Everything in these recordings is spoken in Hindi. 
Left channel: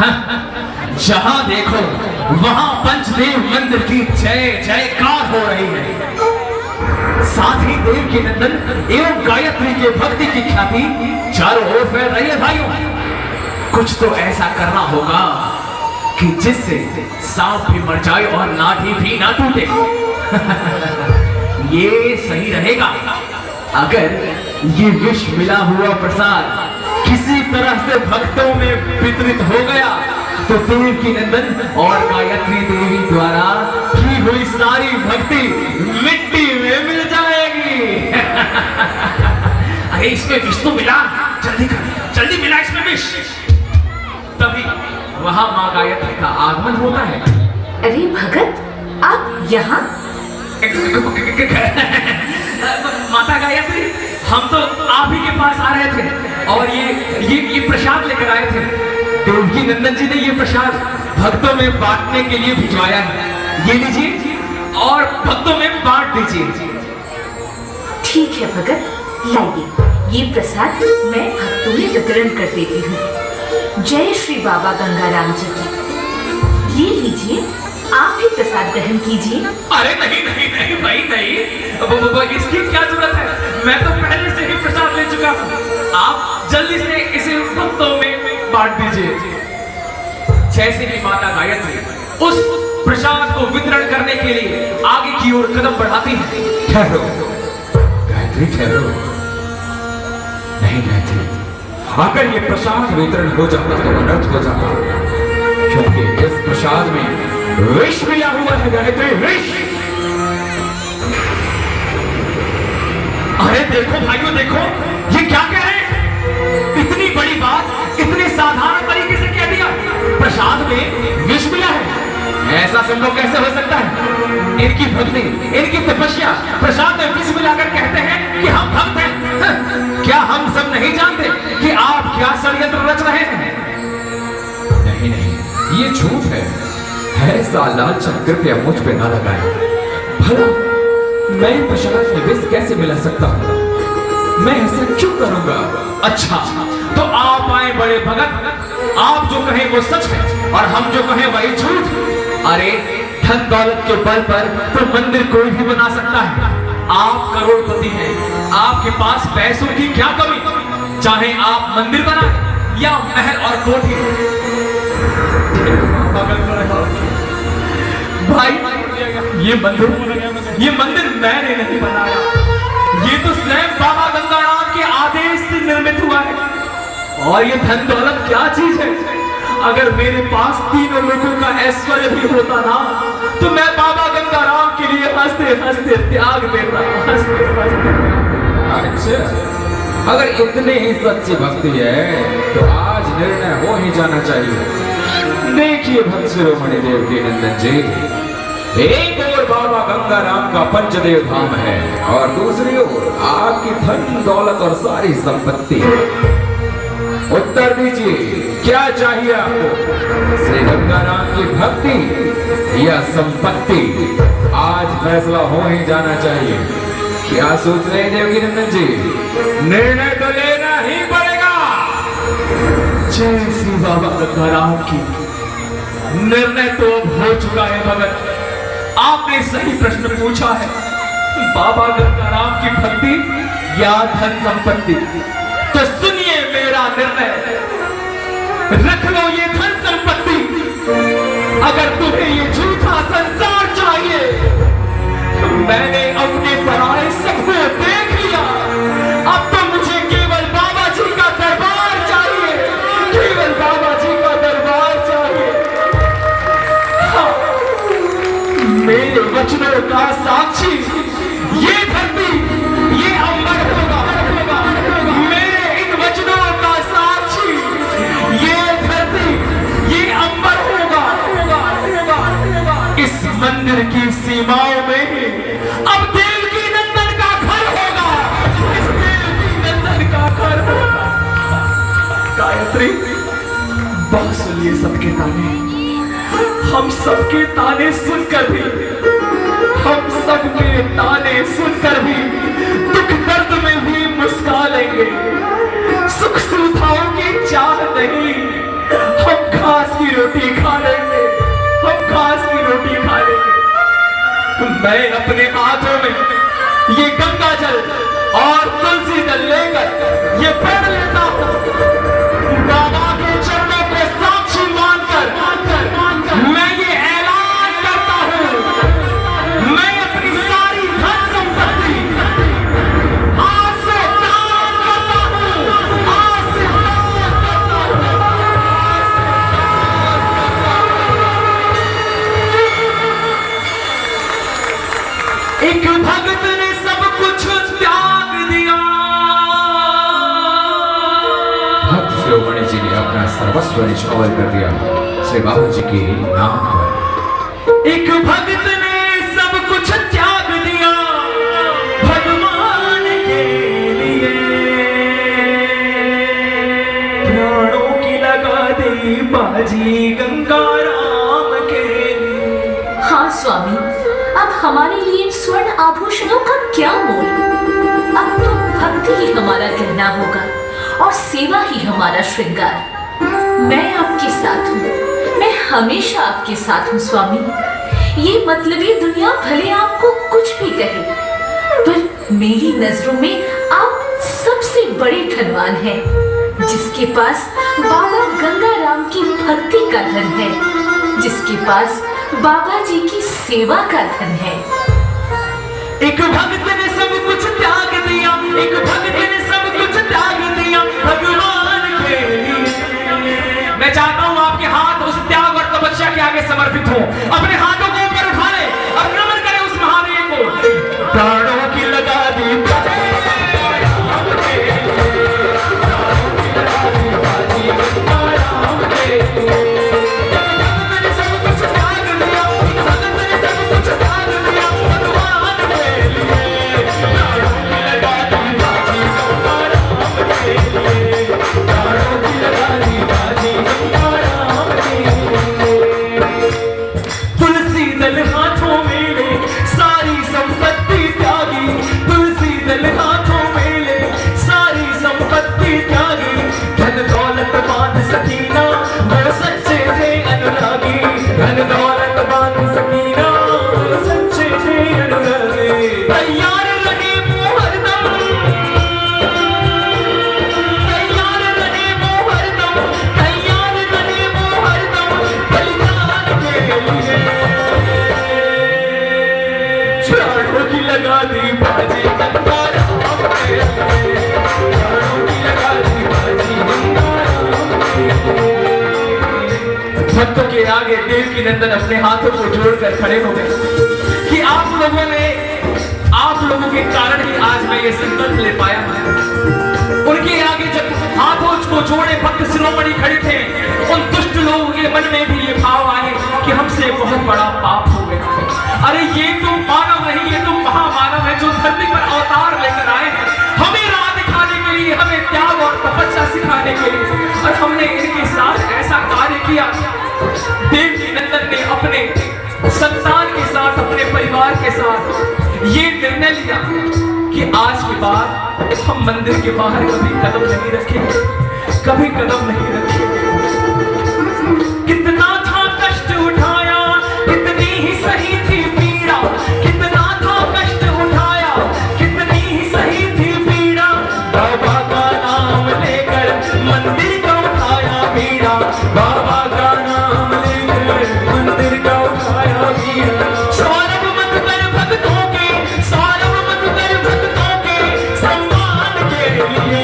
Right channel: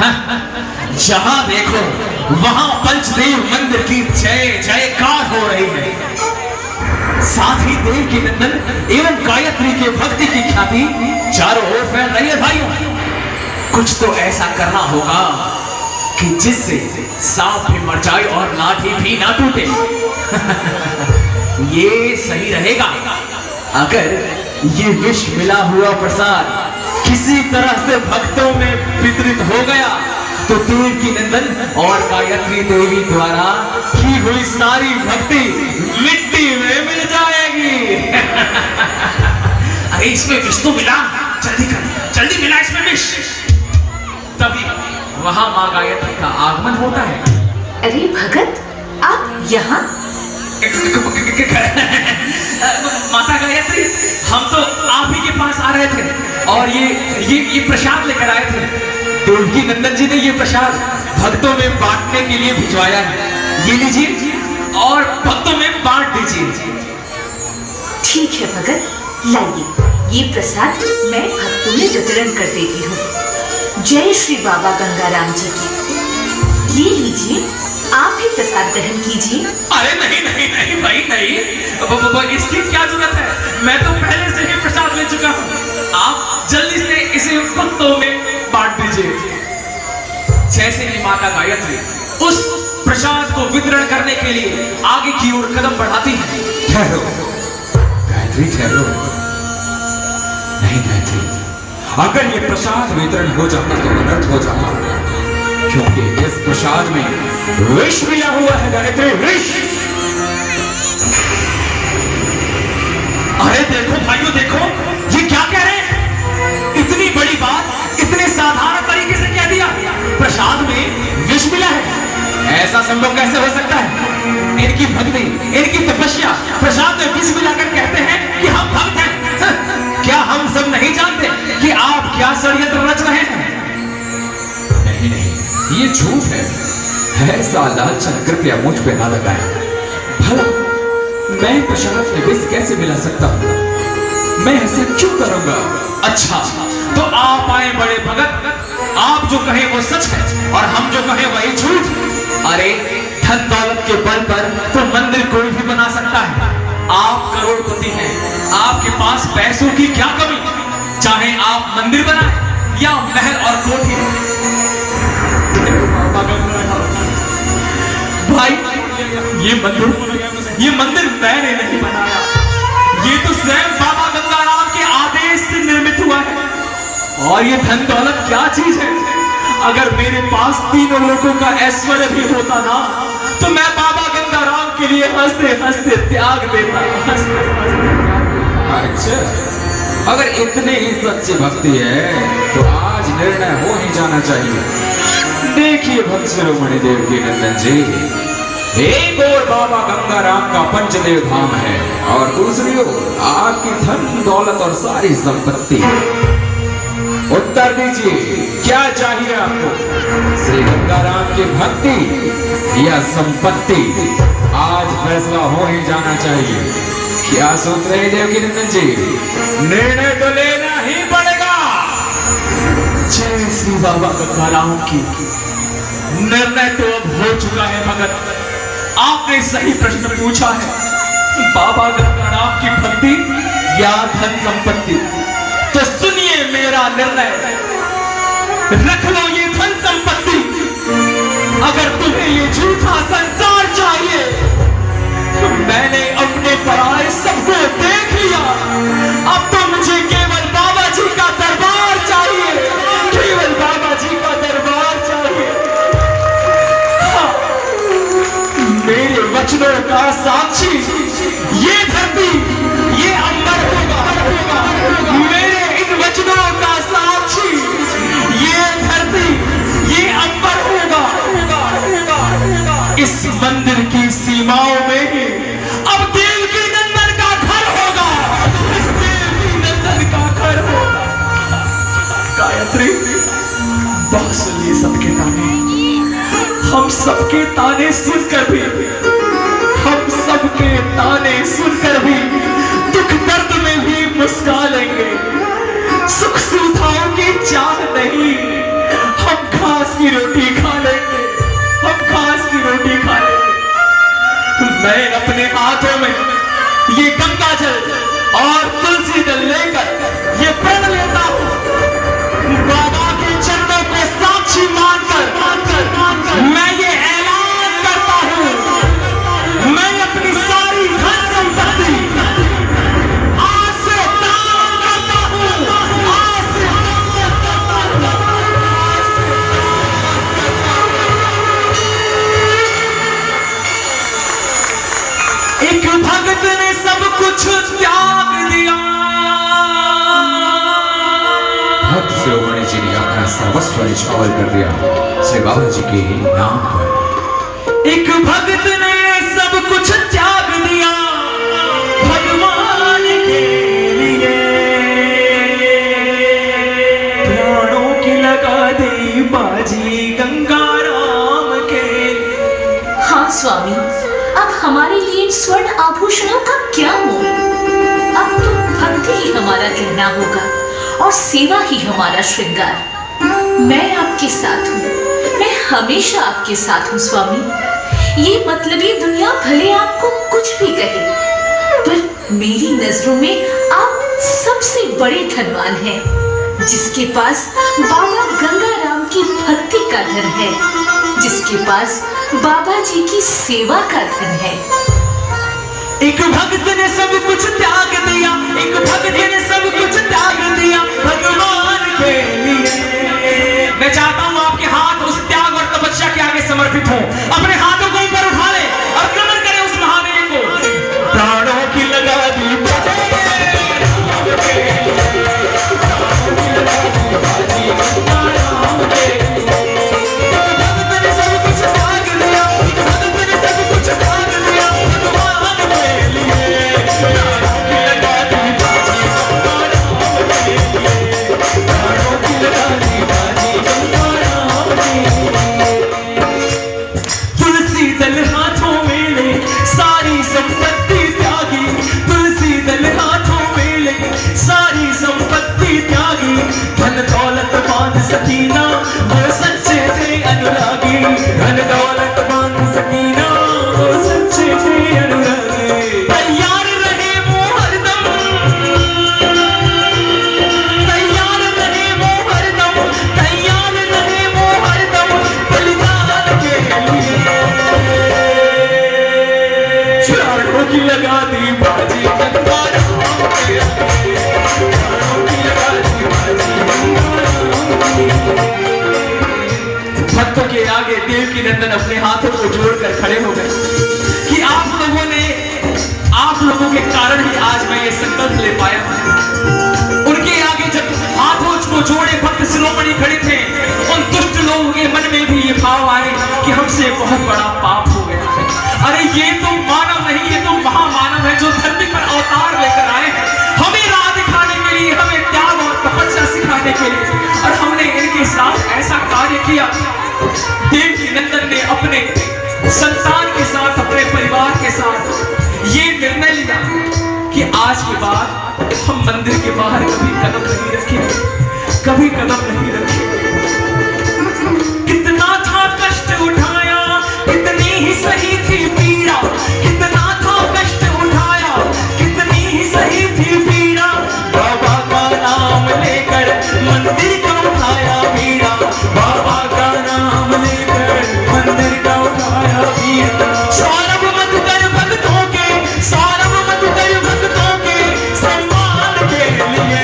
जहां देखो वहां पंचदेव मंदिर की जय जयकार हो रही है। साथ ही देव की नंदन एवं गायत्री के भक्ति की ख्याति चारों ओर फैल रही है। भाइयों, कुछ तो ऐसा करना होगा कि जिससे सांप भी मर जाए और लाठी भी ना टूटे। ये सही रहेगा अगर ये विष मिला हुआ प्रसाद किसी तरह से भक्तों में वितरित हो गया तो देव की नंदन और गायत्री देवी द्वारा की हुई सारी भक्ति मिट्टी में मिल जाएगी। अरे इसमें विष तो मिला, जल्दी कर, जल्दी मिला इसमें विष। तभी वहां मां गायत्री का आगमन होता है। अरे भगत, आप यहाँ? माता गायत्री, हम तो आप ही के पास आ रहे थे और ये प्रसाद लेकर आए थे। देवकी नंदन जी ने ये प्रसाद भक्तों में बांटने के लिए भिजवाया है। ये लीजिए और भक्तों में बांट दीजिए। ठीक है भगत, लाइए ये प्रसाद मैं भक्तों में वितरण कर देती हूँ। जय श्री बाबा गंगाराम जी की। ये लीजिए, आप भी प्रसाद ग्रहण कीजिए। अरे नहीं नहीं नहीं भाई नहीं, इसकी क्या जरूरत है? मैं तो पहले से ही प्रसाद ले चुका हूँ। आप जल्दी से इसे भक्तों में बांट दीजिए। जैसे ही माता गायत्री उस प्रसाद को वितरण करने के लिए आगे की ओर कदम बढ़ाती है। ठहरो गायत्री, ठहरो। नहीं गायत्री, अगर ये प्रसाद वितरण हो जाता तो अनर्थ हो जाता, क्योंकि इस प्रसाद में विष मिला हुआ है गायत्री, विष। अरे देखो भाइयों, देखो ये क्या कह रहे हैं? इतनी बड़ी बात इतने साधारण तरीके से कह दिया, प्रसाद में विष मिला है। ऐसा संभव कैसे हो सकता है? इनकी भक्ति, इनकी तपस्या प्रसाद में विष मिलाकर कहते हैं कि हम भक्त हैं। क्या हम सब नहीं जानते कि आप क्या षड्यंत्र रच रहे हैं? नहीं नहीं, ये झूठ है। ऐसा लालच कृपया मुझ पे ना लगाए। भला मैं प्रसाद में विष कैसे मिला सकता हूँ? मैं ऐसा क्यों करूंगा? अच्छा, तो आप आए बड़े भगत, आप जो कहें वो सच है और हम जो कहें वही झूठ। अरे धन दौलत के बल पर तो मंदिर कोई भी बना सकता है। आप करोड़पति हैं, आपके पास पैसों की क्या कमी? चाहे आप मंदिर बनाएं या महल और कोठी। भाई ये मंदिर मैंने नहीं बनाया, ये तो स्वयं बाबा गंगाराम के आदेश से निर्मित हुआ है। और ये धन दौलत क्या चीज है? अगर मेरे पास तीनों लोगों का ऐश्वर्य भी होता ना तो मैं बाबा गंगाराम के लिए हंसते हंसते त्याग देता, हंसते हंसते। अच्छा, अगर इतनी ही सच्ची भक्ति है तो आज निर्णय हो ही जाना चाहिए। देखिए भक्त शिरोमणि देव की नंदन जी, एक ओर बाबा गंगाराम का पंचदेव धाम है और दूसरी ओर आपकी धन दौलत और सारी संपत्ति। उत्तर दीजिए, क्या चाहिए आपको? श्री गंगाराम की भक्ति या संपत्ति? आज फैसला हो ही जाना चाहिए। क्या सोच रहे हैं देवकी नंदन जी? निर्णय तो लेना ही पड़ेगा। जय श्री बाबा गंगाराम की। निर्णय तो अब हो चुका है भगत, आपने सही प्रश्न पूछा है। बाबा गंगाराम की भक्ति या धन संपत्ति? तो सुनिए मेरा निर्णय, रख लो ये धन संपत्ति। अगर तुम्हें ये झूठा संसार चाहिए तो मैंने अपने पराये सबको देख लिया। अब तो मुझे केवल बाबा जी का दरबार चाहिए, केवल बाबा जी का दरबार चाहिए। हाँ, मेरे वचनों का साक्षी ये धरती, ये अंबर होगा। मेरे इन वचनों का साक्षी ये धरती, ये अंबर होगा। इस मंदिर की सीमाओं में अब देवकी नंदन का घर होगा। इस देवकी नंदन का घर होगा। गायत्री, बहुत सुनिए सबके ताने। हम सबके ताने सुनकर भी, हम सबके ताने सुनकर भी दुख दर्द में भी मुस्कुरा लेंगे। सुख सुविधाओं की चाह नहीं, हम घास मैं अपने हाथों में ये गंगा जल और तुलसी दल लेकर ये प्रण लेता हूँ, बाबा के चरणों को साक्षी मानकर मैं ये ऐलान करता हूँ, मैं अपनी सारी धन संपत्ति आज से दान करता हूँ, आज से एक भगत ने सब कुछ त्याग दिया। भक्त शिरोमणि जी ने अपना सर्वस्व निछावर कर दिया श्री बाबा जी के नाम पर। एक भगत ने सब कुछ त्याग दिया भगवान के लिए, प्राणों की लगा दी बाजी गंगा राम के लिए। हाँ स्वामी, अब हमारे लिए इन स्वर्ण आभूषणों का क्या मोल? अब तो भक्ति ही हमारा कहना होगा और सेवा ही हमारा श्रृंगार। मैं आपके साथ हूँ, मैं हमेशा आपके साथ हूँ स्वामी। ये मतलबी दुनिया भले आपको कुछ भी कहे, पर मेरी नजरों में आप सबसे बड़े धनवान हैं, जिसके पास बाबा गंगा राम की भक्ति का धन है, जिसके पास बाबा जी की सेवा का धन है। एक भक्त ने सब कुछ त्याग दिया, एक भक्त ने सब कुछ त्याग दिया भगवान के लिए। मैं चाहता हूँ आपके हाथ उस त्याग और तपस्या के आगे समर्पित हो, अपने हाथों को ऊपर उठा ले और नमन करें उस महादेव को। प्राणों की लगा दी सकीना वो सच्चे थे अनुरागी, धन दौलत बान सकीना वो सच्चे थे अनुरागी। तैयार रहे वो हरदम, तैयार रहे वो हरदम, तैयार रहे वो हरदम बलिदान के लिए। प्राणों की लगा दी बाजी गंगा राम के लिए, प्राणों की लगा दी बाजी गंगा भक्तों के आगे देवकी नंदन अपने हाथों को जोड़कर खड़े हो गए कि आप लोगों के कारण ही आज मैं ये संकल्प ले पाया। उनके आगे जब हाथों को जोड़े भक्त शिरोमणि खड़े थे, उन दुष्ट लोगों के मन में भी ये भाव आए कि हमसे बहुत बड़ा पाप हो गया। अरे ये तो मानव नहीं, ये तो महामानव है जो धरती पर अवतार लेकर आए हैं, हमें राह दिखाने के लिए, हमें त्याग और तपस्या सिखाने के लिए, और हमने इनके साथ ऐसा कार्य किया। देवकी नंदन ने अपने संतान के साथ, अपने परिवार के साथ ये निर्णय लिया कि आज के बाद हम मंदिर के बाहर कभी कदम नहीं रखेंगे, कभी कदम नहीं रखेंगे। कितना था कष्ट उठाया, कितनी ही सही थी पीड़ा, कितना था कष्ट उठाया, कितनी ही सही थी पीड़ा, बाबा का नाम लेकर मंदिर का उठाया बीड़ा, बाबा का नाम लेकर मंदिर का उठाया बीड़ा। सौरभ मत कर भक्तों के, सौरभ मत कर भक्तों के सम्मान के लिए।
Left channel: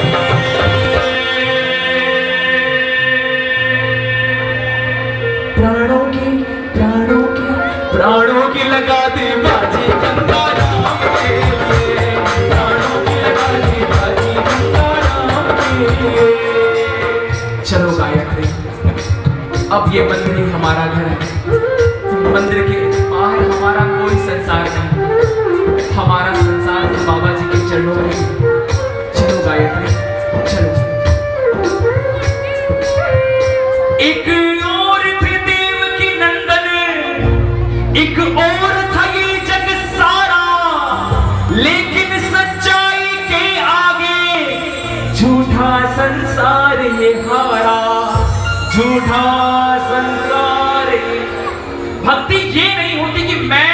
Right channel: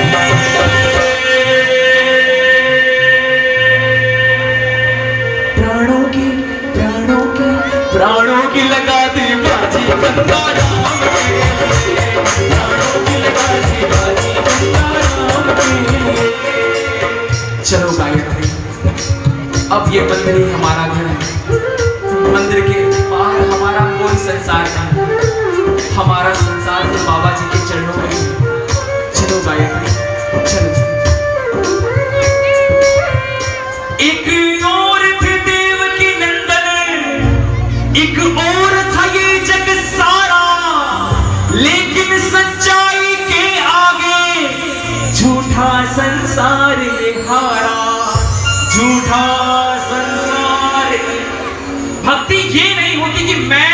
प्राणों की लगा दी बाजी गंगा राम के लिए, प्राणों की लगा दी बाजी गंगा राम के लिए। चलो गायत्री, अब ये मंदिर ही हमारा घर है, मंदिर के बाहर हमारा कोई संसार नहीं, हमारा संसार तो बाबा जी के चरणों में। चलो गायत्री, चलो। एक और थे देवकी नंदन, एक और था ये जग सारा, लेकिन सच्चाई के आगे झूठा संसार ये हारा, झूठा संसार। भक्ति ये नहीं होती कि मैं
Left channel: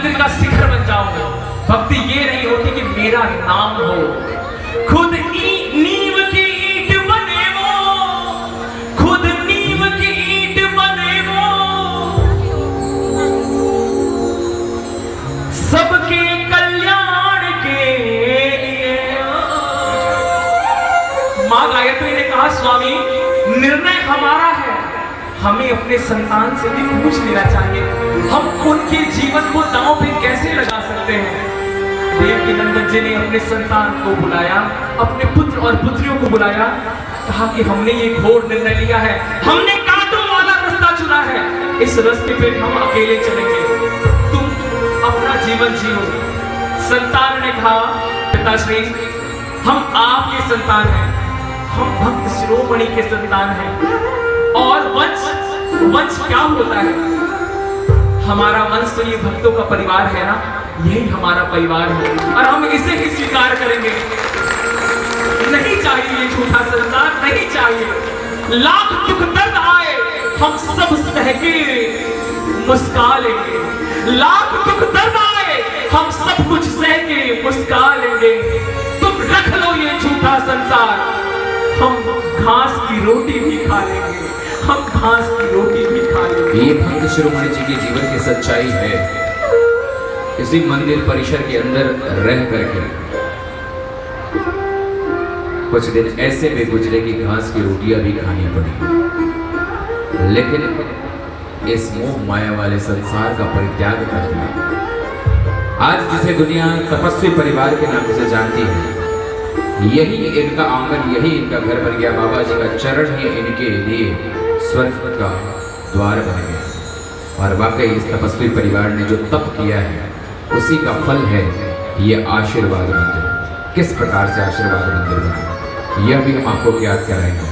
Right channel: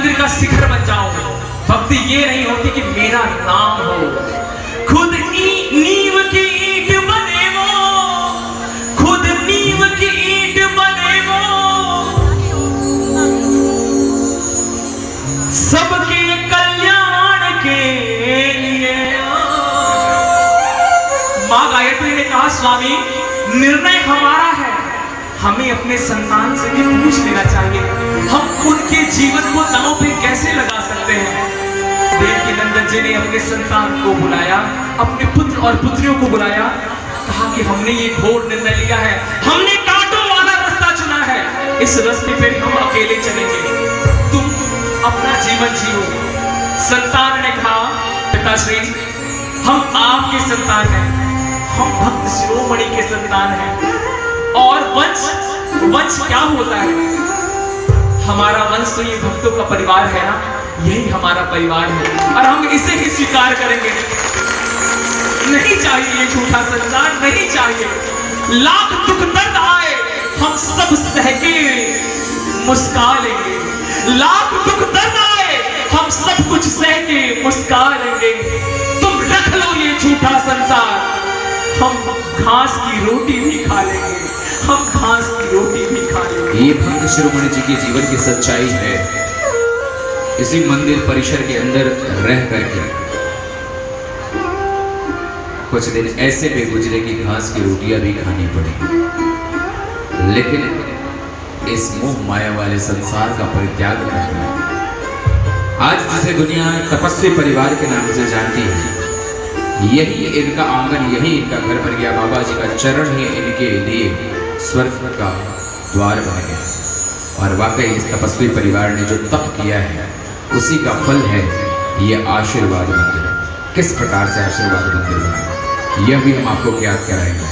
मंदिर का शिखर बन जाओ। भक्ति ये नहीं होती कि मेरा नाम हो, खुद नींव की ईंट बने वो, खुद नींव की ईंट बने वो, सबके कल्याण के लिए। मां गायत्री ने कहा, स्वामी निर्णय हमारा है, हमें अपने संतान से भी पूछ लेना चाहिए, हम उनके जीवन को दांव पे कैसे लगा सकते हैं। देवकी नंदन जी ने अपने संतान को बुलाया, अपने पुत्र और पुत्रियों को बुलाया, कहा कि हमने ये घोर निर्णय लिया है, हमने कांटों वाला रास्ता चुना है, इस रास्ते पे हम अकेले चलेंगे, तुम अपना जीवन जियो। संतान ने कहा, पिताश्री हम आपके संतान हैं, हम भक्त शिरोमणि के संतान हैं, और वंश क्या होता है? हमारा वंश तो ये भक्तों का परिवार है ना, यही हमारा परिवार है और हम इसे ही स्वीकार करेंगे। नहीं चाहिए ये झूठा संसार, नहीं चाहिए। लाख दुख दर्द आए हम सब सह के मुस्का लेंगे, लाख दुख दर्द आए हम सब कुछ सह के मुस्का लेंगे। तुम रख लो ये झूठा संसार, हम घास की रोटी भी खा लेंगे, हम घास की रोटी भी खा लेंगे। ये भक्त शिरोमणि जी के जीवन की सच्चाई है। इसी मंदिर परिसर के अंदर रह करके कुछ दिन ऐसे भी गुजरे कि घास की रोटियां भी खानी पड़ी, लेकिन इस मोह माया वाले संसार का परित्याग कर दिया। आज जिसे दुनिया तपस्वी परिवार के नाम से जानती है, यही इनका आंगन, यही इनका घर बन गया। बाबा जी का चरण ही इनके लिए स्वर्ग का द्वार बन गया। और वाकई इस तपस्वी परिवार ने जो तप किया है, उसी का फल है ये आशीर्वाद मंदिर। किस प्रकार से आशीर्वाद मंदिर बना, यह भी हम आपको याद कराएंगे।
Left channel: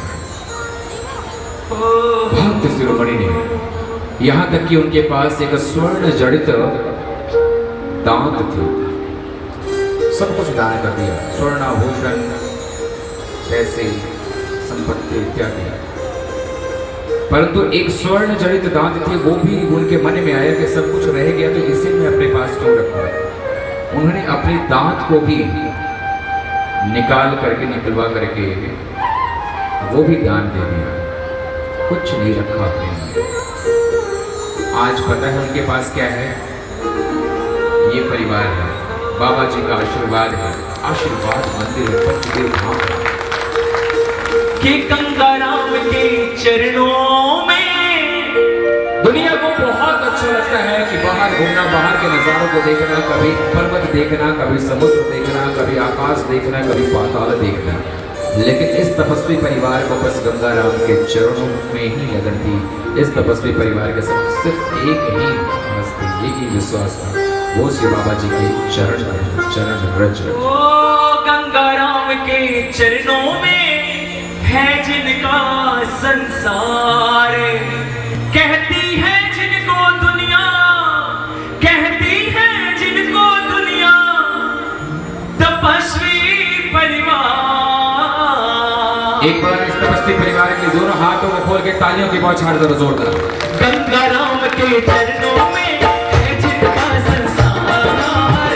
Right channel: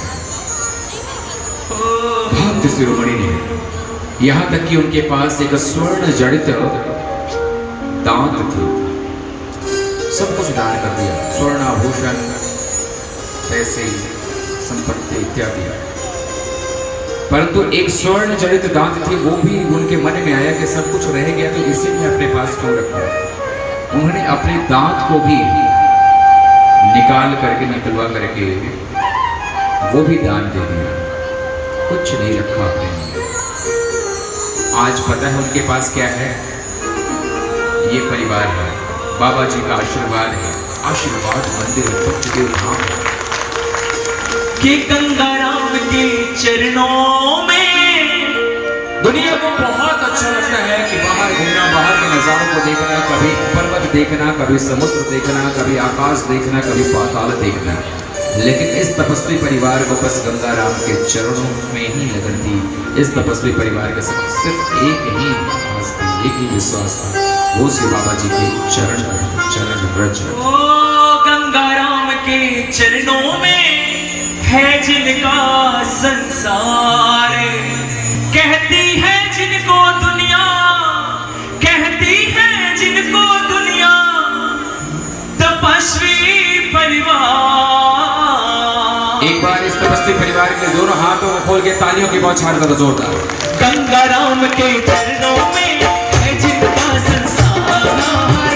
भक्त शिरोमणि ने यहाँ तक कि उनके पास एक स्वर्ण जड़ित दांत थी, सब कुछ दान कर दिया, स्वर्ण आभूषण, पैसे, संपत्ति इत्यादि, परंतु एक स्वर्ण जड़ित दांत थी, वो भी उनके मन में आया कि सब कुछ रह गया तो इसी में अपने पास क्यों रखा। उन्होंने अपने दांत को भी निकाल करके, निकलवा करके वो भी दान दे दिया, कुछ नहीं रखा अपने लिए। आज पता है उनके पास क्या है? ये परिवार है, बाबा जी का आशीर्वाद है, आशीर्वाद मंदिर भक्तदेव धाम कि गंगाराम के चरणों में। दुनिया को बहुत अच्छा लगता है कि बाहर घूमना, बाहर के नज़ारों को देखना, कभी पर्वत देखना, कभी समुद्र देखना, कभी आकाश देखना, कभी पाताल देखना, लेकिन इस तपस्वी परिवार को बस गंगाराम के चरणों में ही लगन थी। इस तपस्वी परिवार के साथ सिर्फ एक ही आस थी, एक ही विश्वास था, वो श्री बाबा जी के चरण ब्रज। ओ गंगाराम के चरणों में है जिनका संसार, कहती है जिनको दुनिया, कहती है जिनको दुनिया, तपस्वी परिवार। एक बार इस तपस्वी परिवार के दोनों हाथों में खोल के तालियों की बौछार करो जोरदार। गंगाराम के चरणों में है जिनका संसार,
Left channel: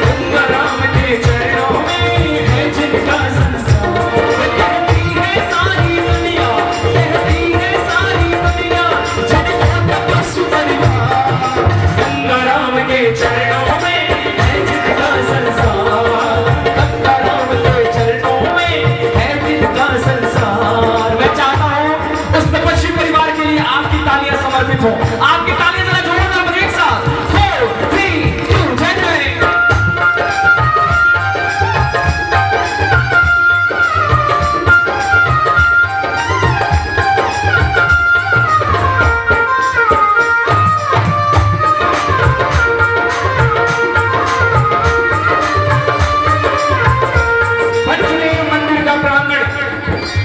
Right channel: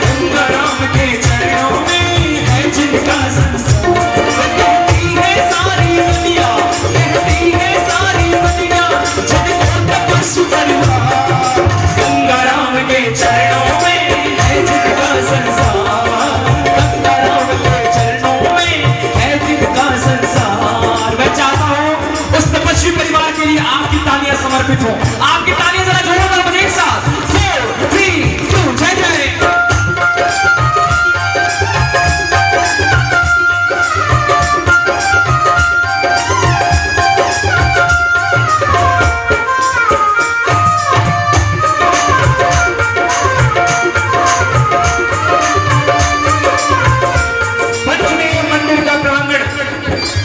गंगाराम के चरणों में है जिनका संसार। गंगाराम के चरणों में है जिनका संसार, गंगाराम के चरणों में है जिनका संसार। मैं चाहता हूँ उस तपस्वी परिवार के लिए आपकी तालियां समर्पित हो, आपकी तालियां जरा जोरदार बने एक साथ। 4, 3, 2, जय जय।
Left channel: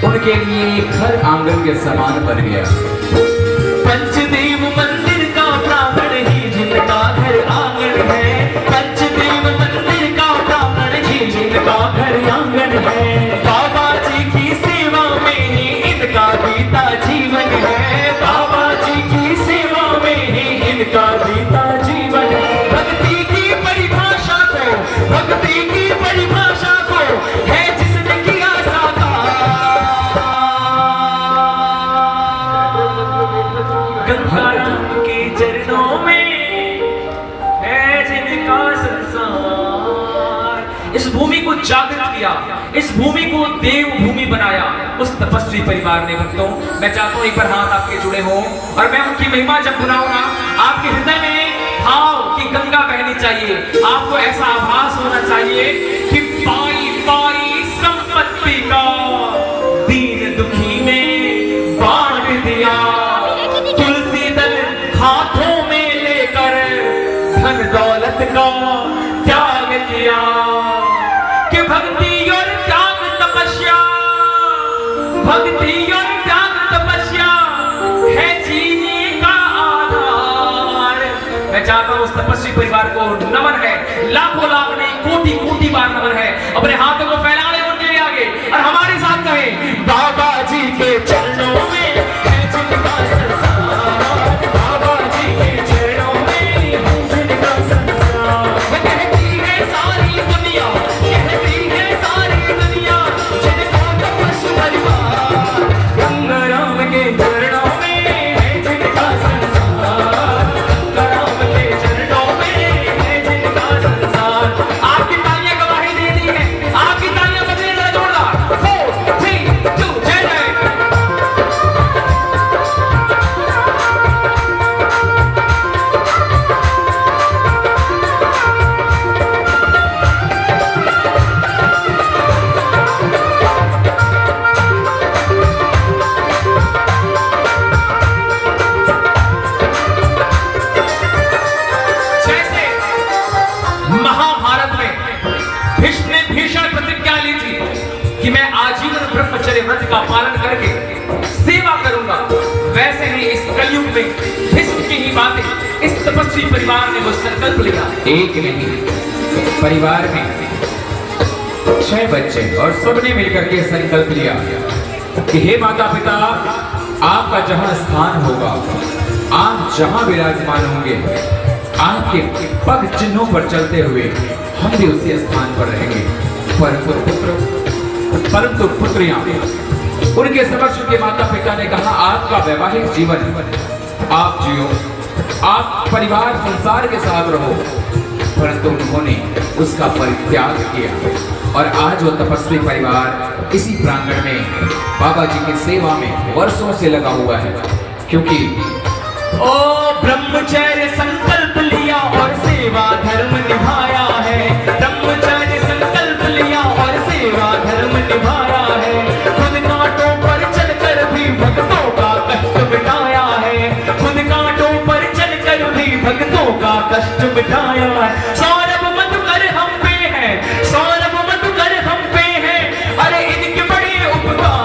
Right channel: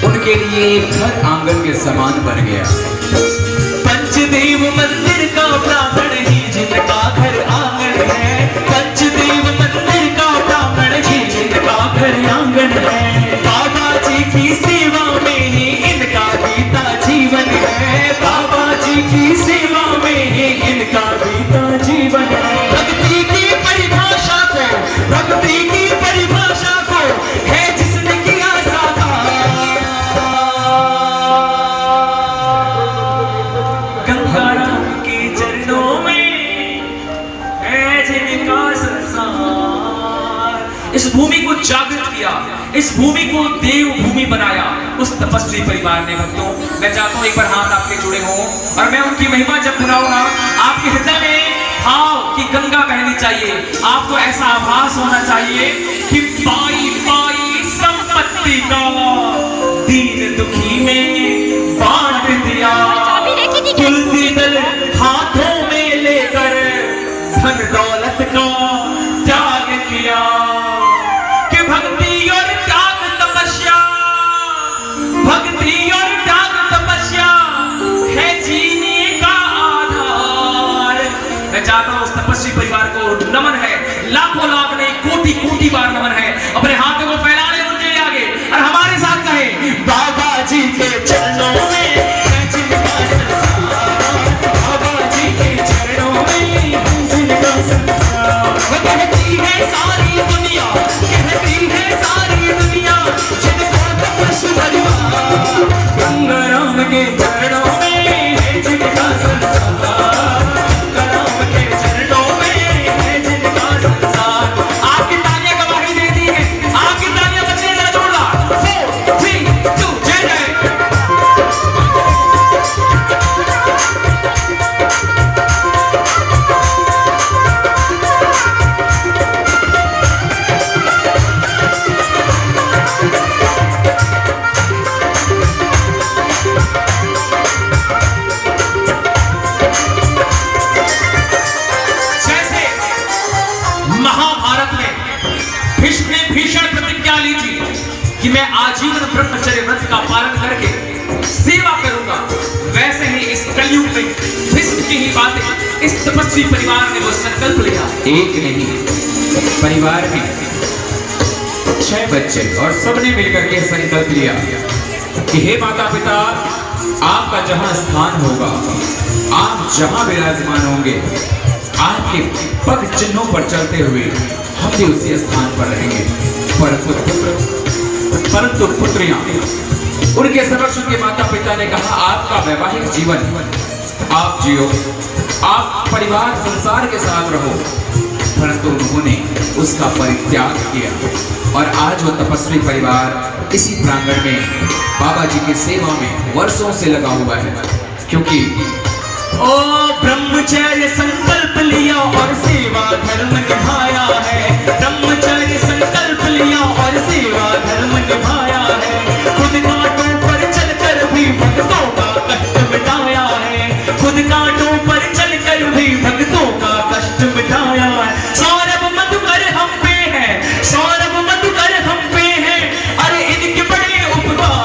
उनके लिए एक घर आंगन के समान बन गया। पंचदेव मंदिर का प्रांगण ही जिनका घर आंगन है, पंचदेव मंदिर का प्रांगण ही जिनका घर आंगन है। बाबा जी की सेवा में ही इनका बीता जीवन है, बाबा जी की सेवा में ही इनका बीता जीवन है। भक्ति की गंगा के चरणों में है जिनका संसार। इस भूमि को जागृत किया, इस भूमि को देव भूमि बनाया उस तपस्वी परिवार ने। भक्तों, मैं चाहता हूं एक बार हाथ आपके जुड़े हों और मैं उनकी महिमा जब बुलाऊं ना, आपके हृदय में भाव की गंगा बहनी चाहिए। आपको ऐसा आभास होना चाहिए कि पाई पाई संपत्ति का दीन दुखी में बांट दिया, तुलसी दल हाथों में लेकर धन दौलत का त्याग किया। कि भक्ति और त्याग तपस्या, भक्ति और त्याग तपस्या है जीने का आधार। मैं चाहता हूं उस तपस्वी परिवार को नमन है, लाखों लाख नहीं कोटि कोटि बार नमन है। अपने हाथों को फैला ले उनके आगे और हमारे साथ कहें, बाबा जी के चरणों में है जिनका संसार, बाबा जी के चरणों में है जिनका संसार। कहती है सारी दुनिया, कहती है सारी दुनिया, जिनको तपस्वी परिवार गंगा राम के चरणों में है जिनका संसार, गंगा राम के चरणों में है जिनका संसार। आपकी तालियां गवाही देती है, आपकी तालियां बजने जरा जोरदार। 4 3 2 जय जय। जैसे महाभारत में भीष्म ने भीषण प्रतिज्ञा ली थी कि मैं आजीवन ब्रह्मचर्य व्रत का पालन करके सेवा करूंगा, वैसे ही इस कलयुग में भीष्म की ही बातें इस तपस्वी परिवार ने वो संकल्प लिया। एक नहीं, परिवार में 6 बच्चे और सबने मिलकर के संकल्प लिया कि हे माता पिता, आपका जहां स्थान होगा, आप जहां विराजमान होंगे, आपके पग चिन्हों पर चलते हुए हम भी उसी स्थान पर रहेंगे। परंतु पुत्रियां, उनके समक्ष उनके माता पिता ने कहा, आपका वैवाहिक जीवन आप जियो, आप परिवार संसार के साथ रहो। परंतु उन्होंने उसका परित्याग किया और आज वो तपस्वी परिवार इसी प्रांगण में बाबा जी की सेवा में वर्षों से लगा हुआ है। क्योंकि ओ ब्रह्मचर्य संकल्प लिया और सेवा धर्म निभाया है, ब्रह्मचर्य संकल्प लिया और सेवा धर्म निभाया है। खुद कांटों पर चलकर भी भक्तों का कष्ट मिटाया है, खुद कांटों पर चलकर भी भक्तों का कष्ट मिटाया है। सौरभ मधुकर हम पे है, सौरभ मधुकर हम पे है, अरे इनके बड़े उपकार।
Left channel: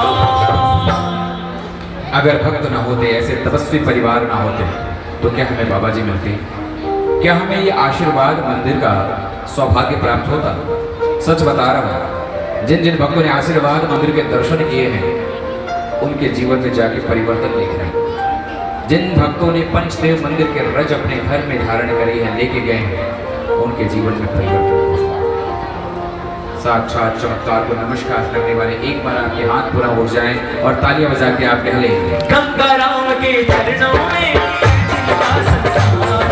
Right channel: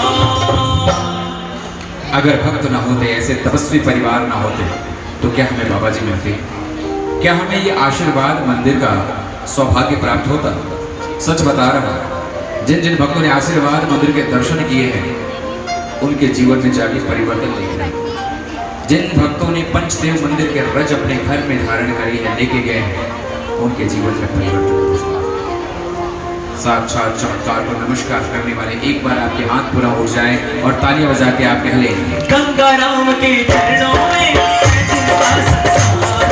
अगर भक्त ना होते, ऐसे तपस्वी परिवार ना होते, तो क्या हमें बाबा जी मिलते? क्या हमें ये आशीर्वाद मंदिर का सौभाग्य प्राप्त होता? सच बता रहा हूं, जिन जिन भक्तों ने आशीर्वाद मंदिर के दर्शन किए हैं, उनके जीवन में जाके परिवर्तन देख रहे हैं। जिन भक्तों ने पंचदेव मंदिर के रज अपने घर में धारण करी है, लेके गए हैं, उनके जीवन में परिवर्तन हुआ। साक्षात चमत्कार को नमस्कार करने वाले एक बार आपके हाथ पूरा हो जाए और तालियां बजा के आप कह लें, गंगा राम के चरणों में है जिनका संसार,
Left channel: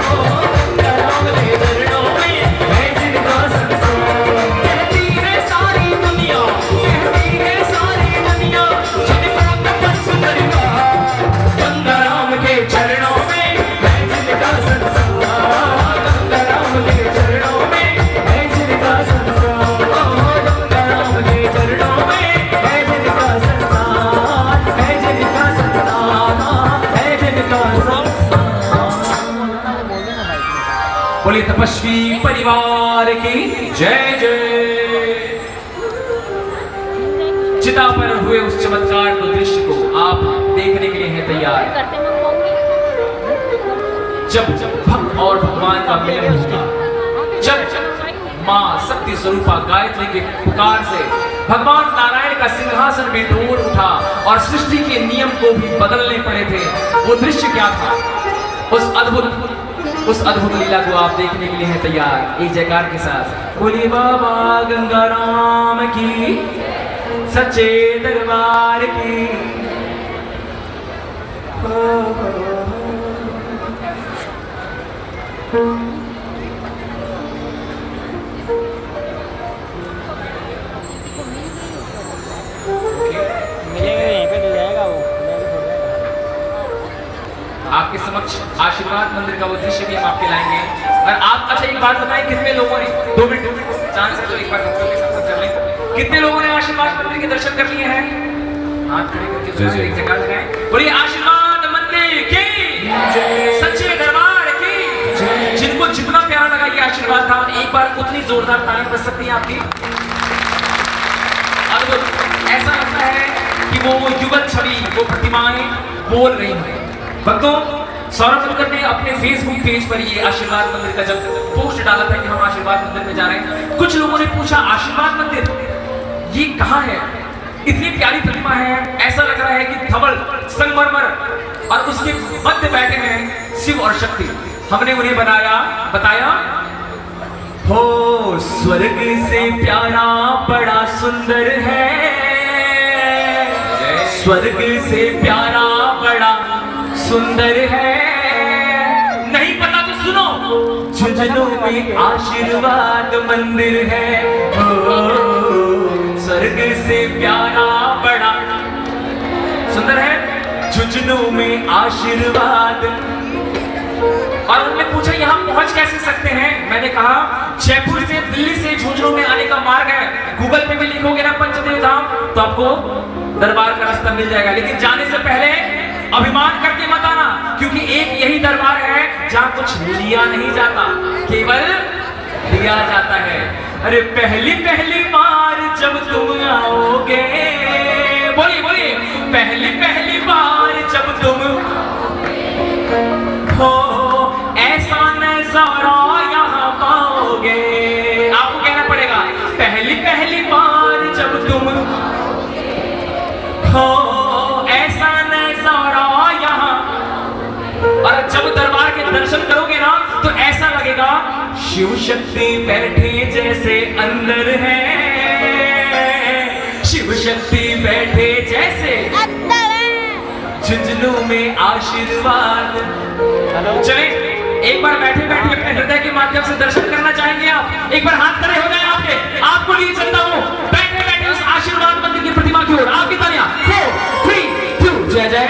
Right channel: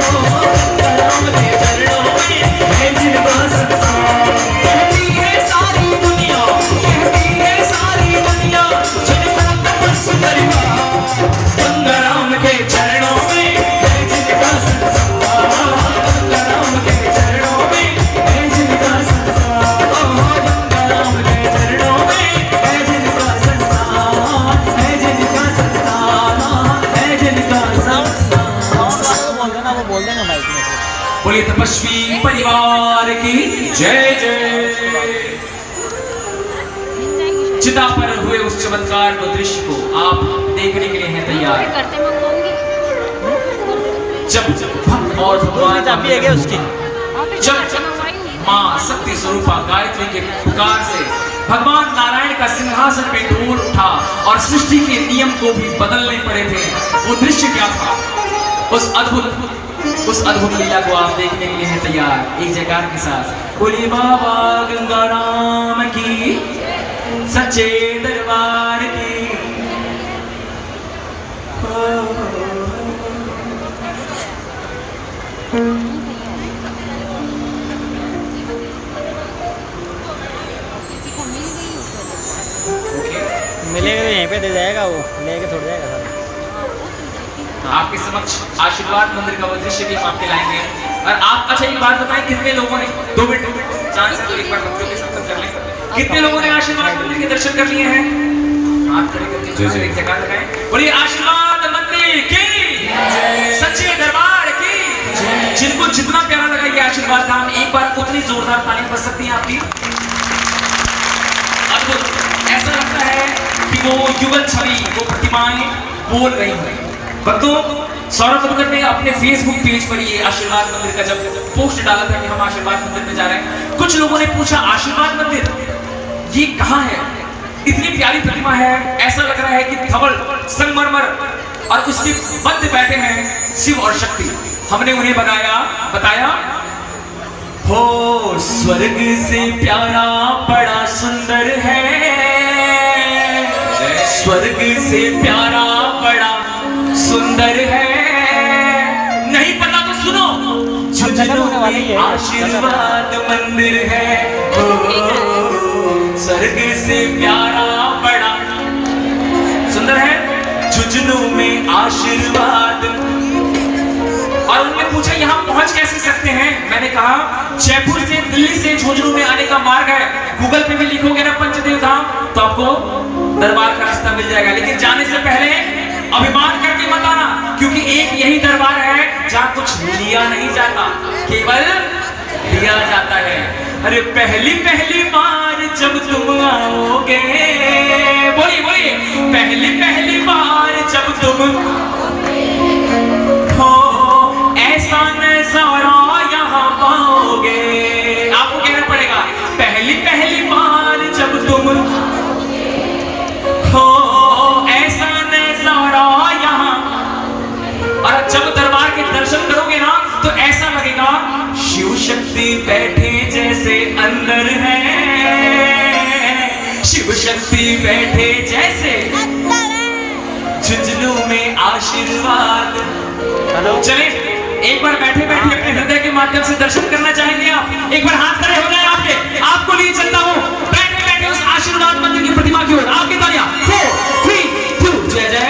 गंगा राम के चरणों में है जिनका संसार। कहती है सारी दुनिया, कहती है सारी दुनिया, जिनको तपस्वी परिवार गंगा राम के चरणों में है जिनका संसार, गंगा राम के चरणों में है जिनका संसार, गंगा राम के चरणों में है जिनका संसार, है जिनका संसार, है जिनका संसार। बोलिए तपस्वी परिवार की जय जय। चिता पर हुए उस चमत्कार को, दृश्य को आप देखने के लिए हैं तैयार? जब भक्त और भगवान का मिलन हुआ, जब मां शक्ति स्वरूपा गायत्री के पुकार से भगवान नारायण का सिंहासन में डोर उठा और सृष्टि के नियम को भी बदलने पड़े थे, वो दृश्य क्या था? उस अद्भुत लीला को आप देखने के लिए हैं तैयार? एक जयकार के साथ बोलिए बाबा गंगा राम की, सच्चे दरबार की। आपके समक्ष आशीर्वाद मंदिर का उद्देश्य भी हम आपके लाएंगे। और आप अच्छा एक बात बताएं, कितने लोगों ने 2 मिनट चांस है तो एक बार भक्तों के साथ कर लें, कितने लोगों ने आशीर्वाद मंदिर के दर्शन कर लिए हैं? हाथ खड़े करके जोर से एक जगह लगाएं। बोलिए आशीर्वाद मंदिर की सच्चे दरबार की। जिनको जितना प्यारा लगा ये आशीर्वाद नाम, एक बार उतनी जोरदार ताली बज सकती है आपकी। अब ऐसा लगता है कि वो युगल छवि, वो प्रतिमाएं बोल रही हैं। भक्तों, सौरभ तबकर ने अपने फेसबुक पेज पर ये आशीर्वाद मंदिर का जब पोस्ट डाला था कि हम आशीर्वाद मंदिर में जा रहे हैं, कुछ लोगों ने पूछा आशीर्वाद मंदिर ये कहाँ है? इतनी प्यारी प्रतिमा है, ऐसा लग रहा है कि धवल संगमरमर और उसके मध्य बैठे हैं शिव और शक्ति। हमने उन्हें बताया हो स्वर्ग से प्यारा बड़ा सुंदर है, स्वर्ग से प्यारा बड़ा सुंदर है। नहीं पता तो सुनो, झुंझुनू में आशीर्वाद मंदिर है। स्वर्ग से प्यारा बड़ा सुंदर है, झुंझुनू में आशीर्वाद। और उन्होंने पूछा यहाँ पहुंच कैसे सकते हैं? मैंने कहा जयपुर से दिल्ली से झुंझुनू में आने का मार्ग है, गूगल पे भी लिखोगे ना पंचदेव धाम तो आपको दरबार का रास्ता मिल जाएगा। लेकिन जाने से पहले अभिमान करके मत आना, क्योंकि एक यही दरबार है जहाँ कुछ लिया नहीं जाता, केवल दिया जाता है। अरे पहली बार जब तुम आओगे, बोलिए बोलिए, पहली बार जब तुम हो ऐसा नजारा यहाँ पाओगे। आपको कहना पड़ेगा पहली बार जब तुम हो ऐसा नजारा यहाँ। और जब दरबार के दर्शन करोगे ना तो ऐसा लगेगा शिव शक्ति बैठे जैसे अंदर है, शिव शक्ति बैठे जैसे झुंझुनू में आशीर्वाद। चले एक बार बैठे बैठे अपने हृदय के माध्यम से दर्शन करना चाहेंगे आप? एक बार हाथ खड़े हो जाए आपके, आपको लिए चलता हूं बैठे बैठे उस आशीर्वाद मंदिर की प्रतिमा की ओर। आपकी तालियां 4 3 2 जय जय।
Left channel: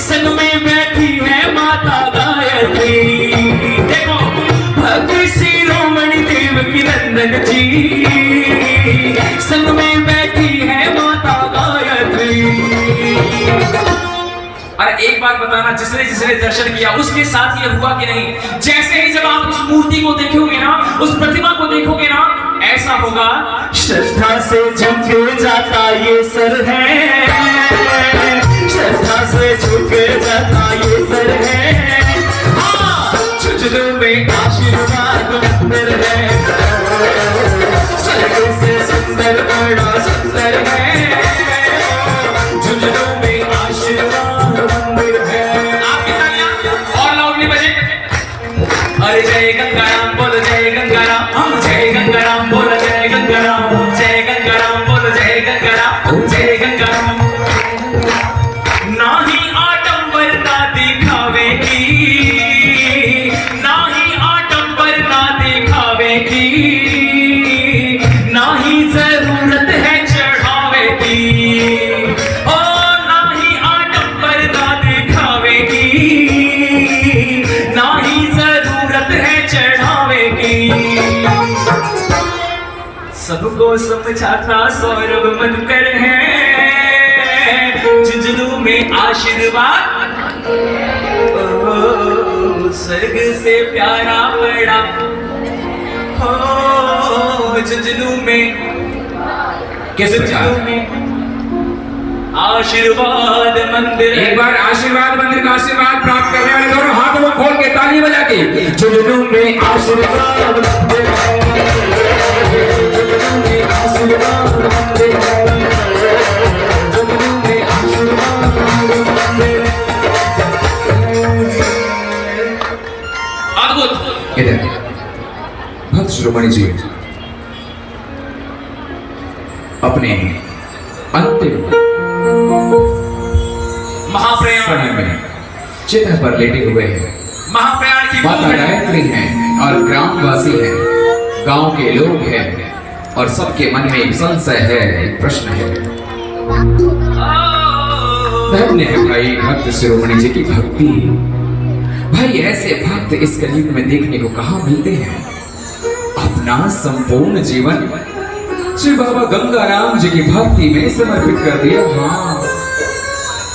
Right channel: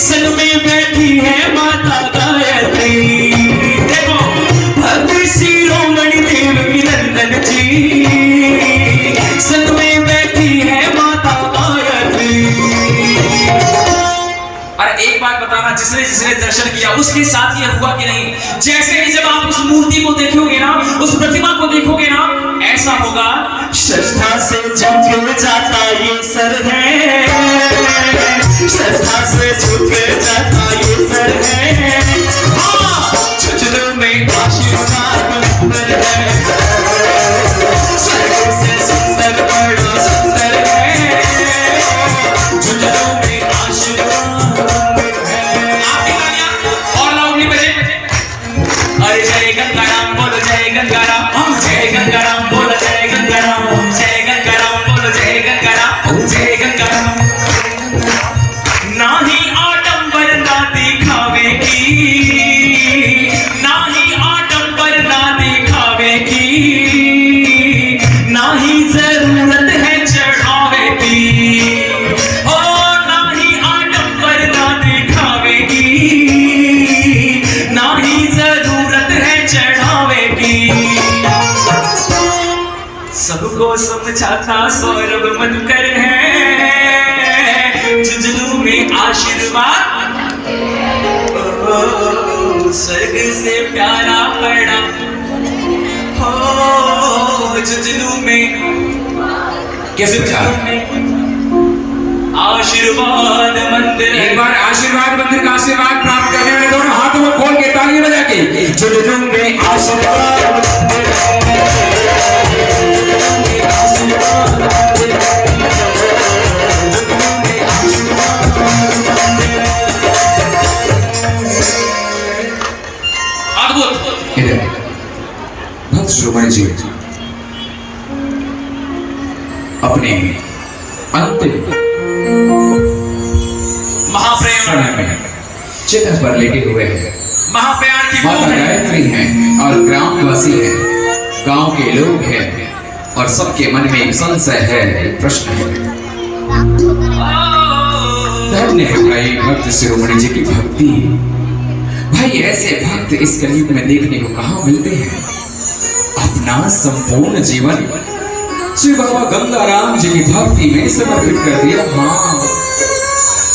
सन में बैठी है माता गायत्री। देखो भक्त शिरोमणि देव की नंदन जी, सन में बैठी है माता गायत्री। अरे एक बात बताना, जिसने दर्शन किया उसके साथ ये हुआ कि नहीं? जैसे ही जब आप उस मूर्ति को देखोगे ना, उस प्रतिमा को देखोगे ना, ऐसा होगा श्रद्धा से झुक जाता ये सर है, श्रद्धा से झुक जाता ये सर है। झुंझुनू में आशीर्वाद मंदिर है, स्वर्ग से सुंदर बड़ा सुंदर है, झुंझुनू में आशीर्वाद मंदिर है। आपकी तालियां और लाउडली बजे। अरे जय गंगाराम बोलो, जय गंगाराम, जय गंगाराम बोलो, जय गंगाराम, जय गंगाराम बोलो, जय गंगाराम, जय गंगाराम। नाही आडंबर ना दिखावे की, नाही आडंबर ना दिखावे की, नाही जरूरत है चढ़ावे की। ओ नाही आडंबर ना दिखावे की, नाही जरूरत है चढ़ावे की। सबको समझाता सौरभ मधुकर है, झुंझुनू में आशीर्वाद ओ, स्वर्ग से प्यारा पड़ा हो झुंझुनू में कैसे बचा? आशीर्वाद मंदिर एक बार आशीर्वाद मंदिर का आशीर्वाद प्राप्त करने वाले दोनों हाथों में खोल के ताली बजा के झुंझुनू में आशीर्वाद मंदिर इधर भक्त शिरोमणि जी अपने अंतिम समय में चिता पर लेटे हुए हैं। महाप्रयाण की माता गायत्री हैं और ग्रामवासी हैं, गांव के लोग हैं और सबके मन में एक संशय है, एक प्रश्न है। धन्य है भाई भक्त शिरोमणि जी की भक्ति। भाई ऐसे भक्त इस कलयुग में देखने को कहाँ मिलते हैं? अपना संपूर्ण जीवन श्री बाबा गंगाराम जी की भक्ति में समर्पित कर दिया। हाँ,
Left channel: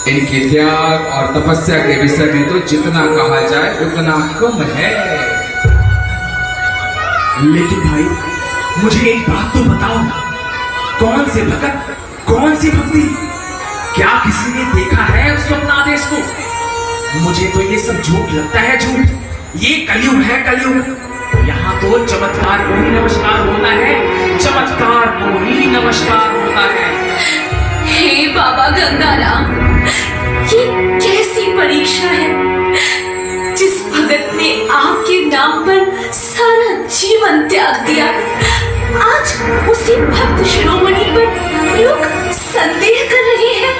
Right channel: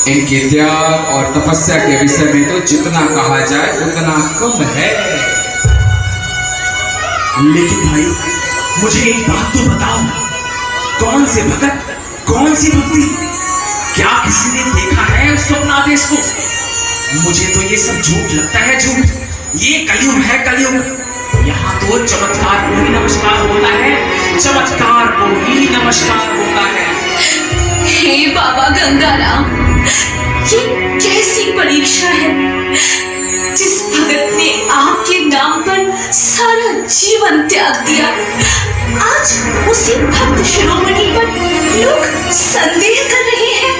इनके त्याग और तपस्या के विषय में तो जितना कहा जाए उतना कम है। लेकिन भाई मुझे एक बात तो बताओ, कौन से भगत, कौन सी भक्ति? क्या किसी ने देखा है स्वप्नादेश को? मुझे तो ये सब झूठ लगता है, झूठ। ये कलयुग है, कलयुग। यहाँ तो चमत्कार को ही नमस्कार होता है, चमत्कार को ही नमस्कार होता है। हे बाबा गंगाराम, ये कैसी परीक्षा है? जिस भगत ने आपके नाम पर सारा जीवन त्याग दिया, आज उसी भक्त शिरोमणि पर लोग संदेह कर रहे हैं।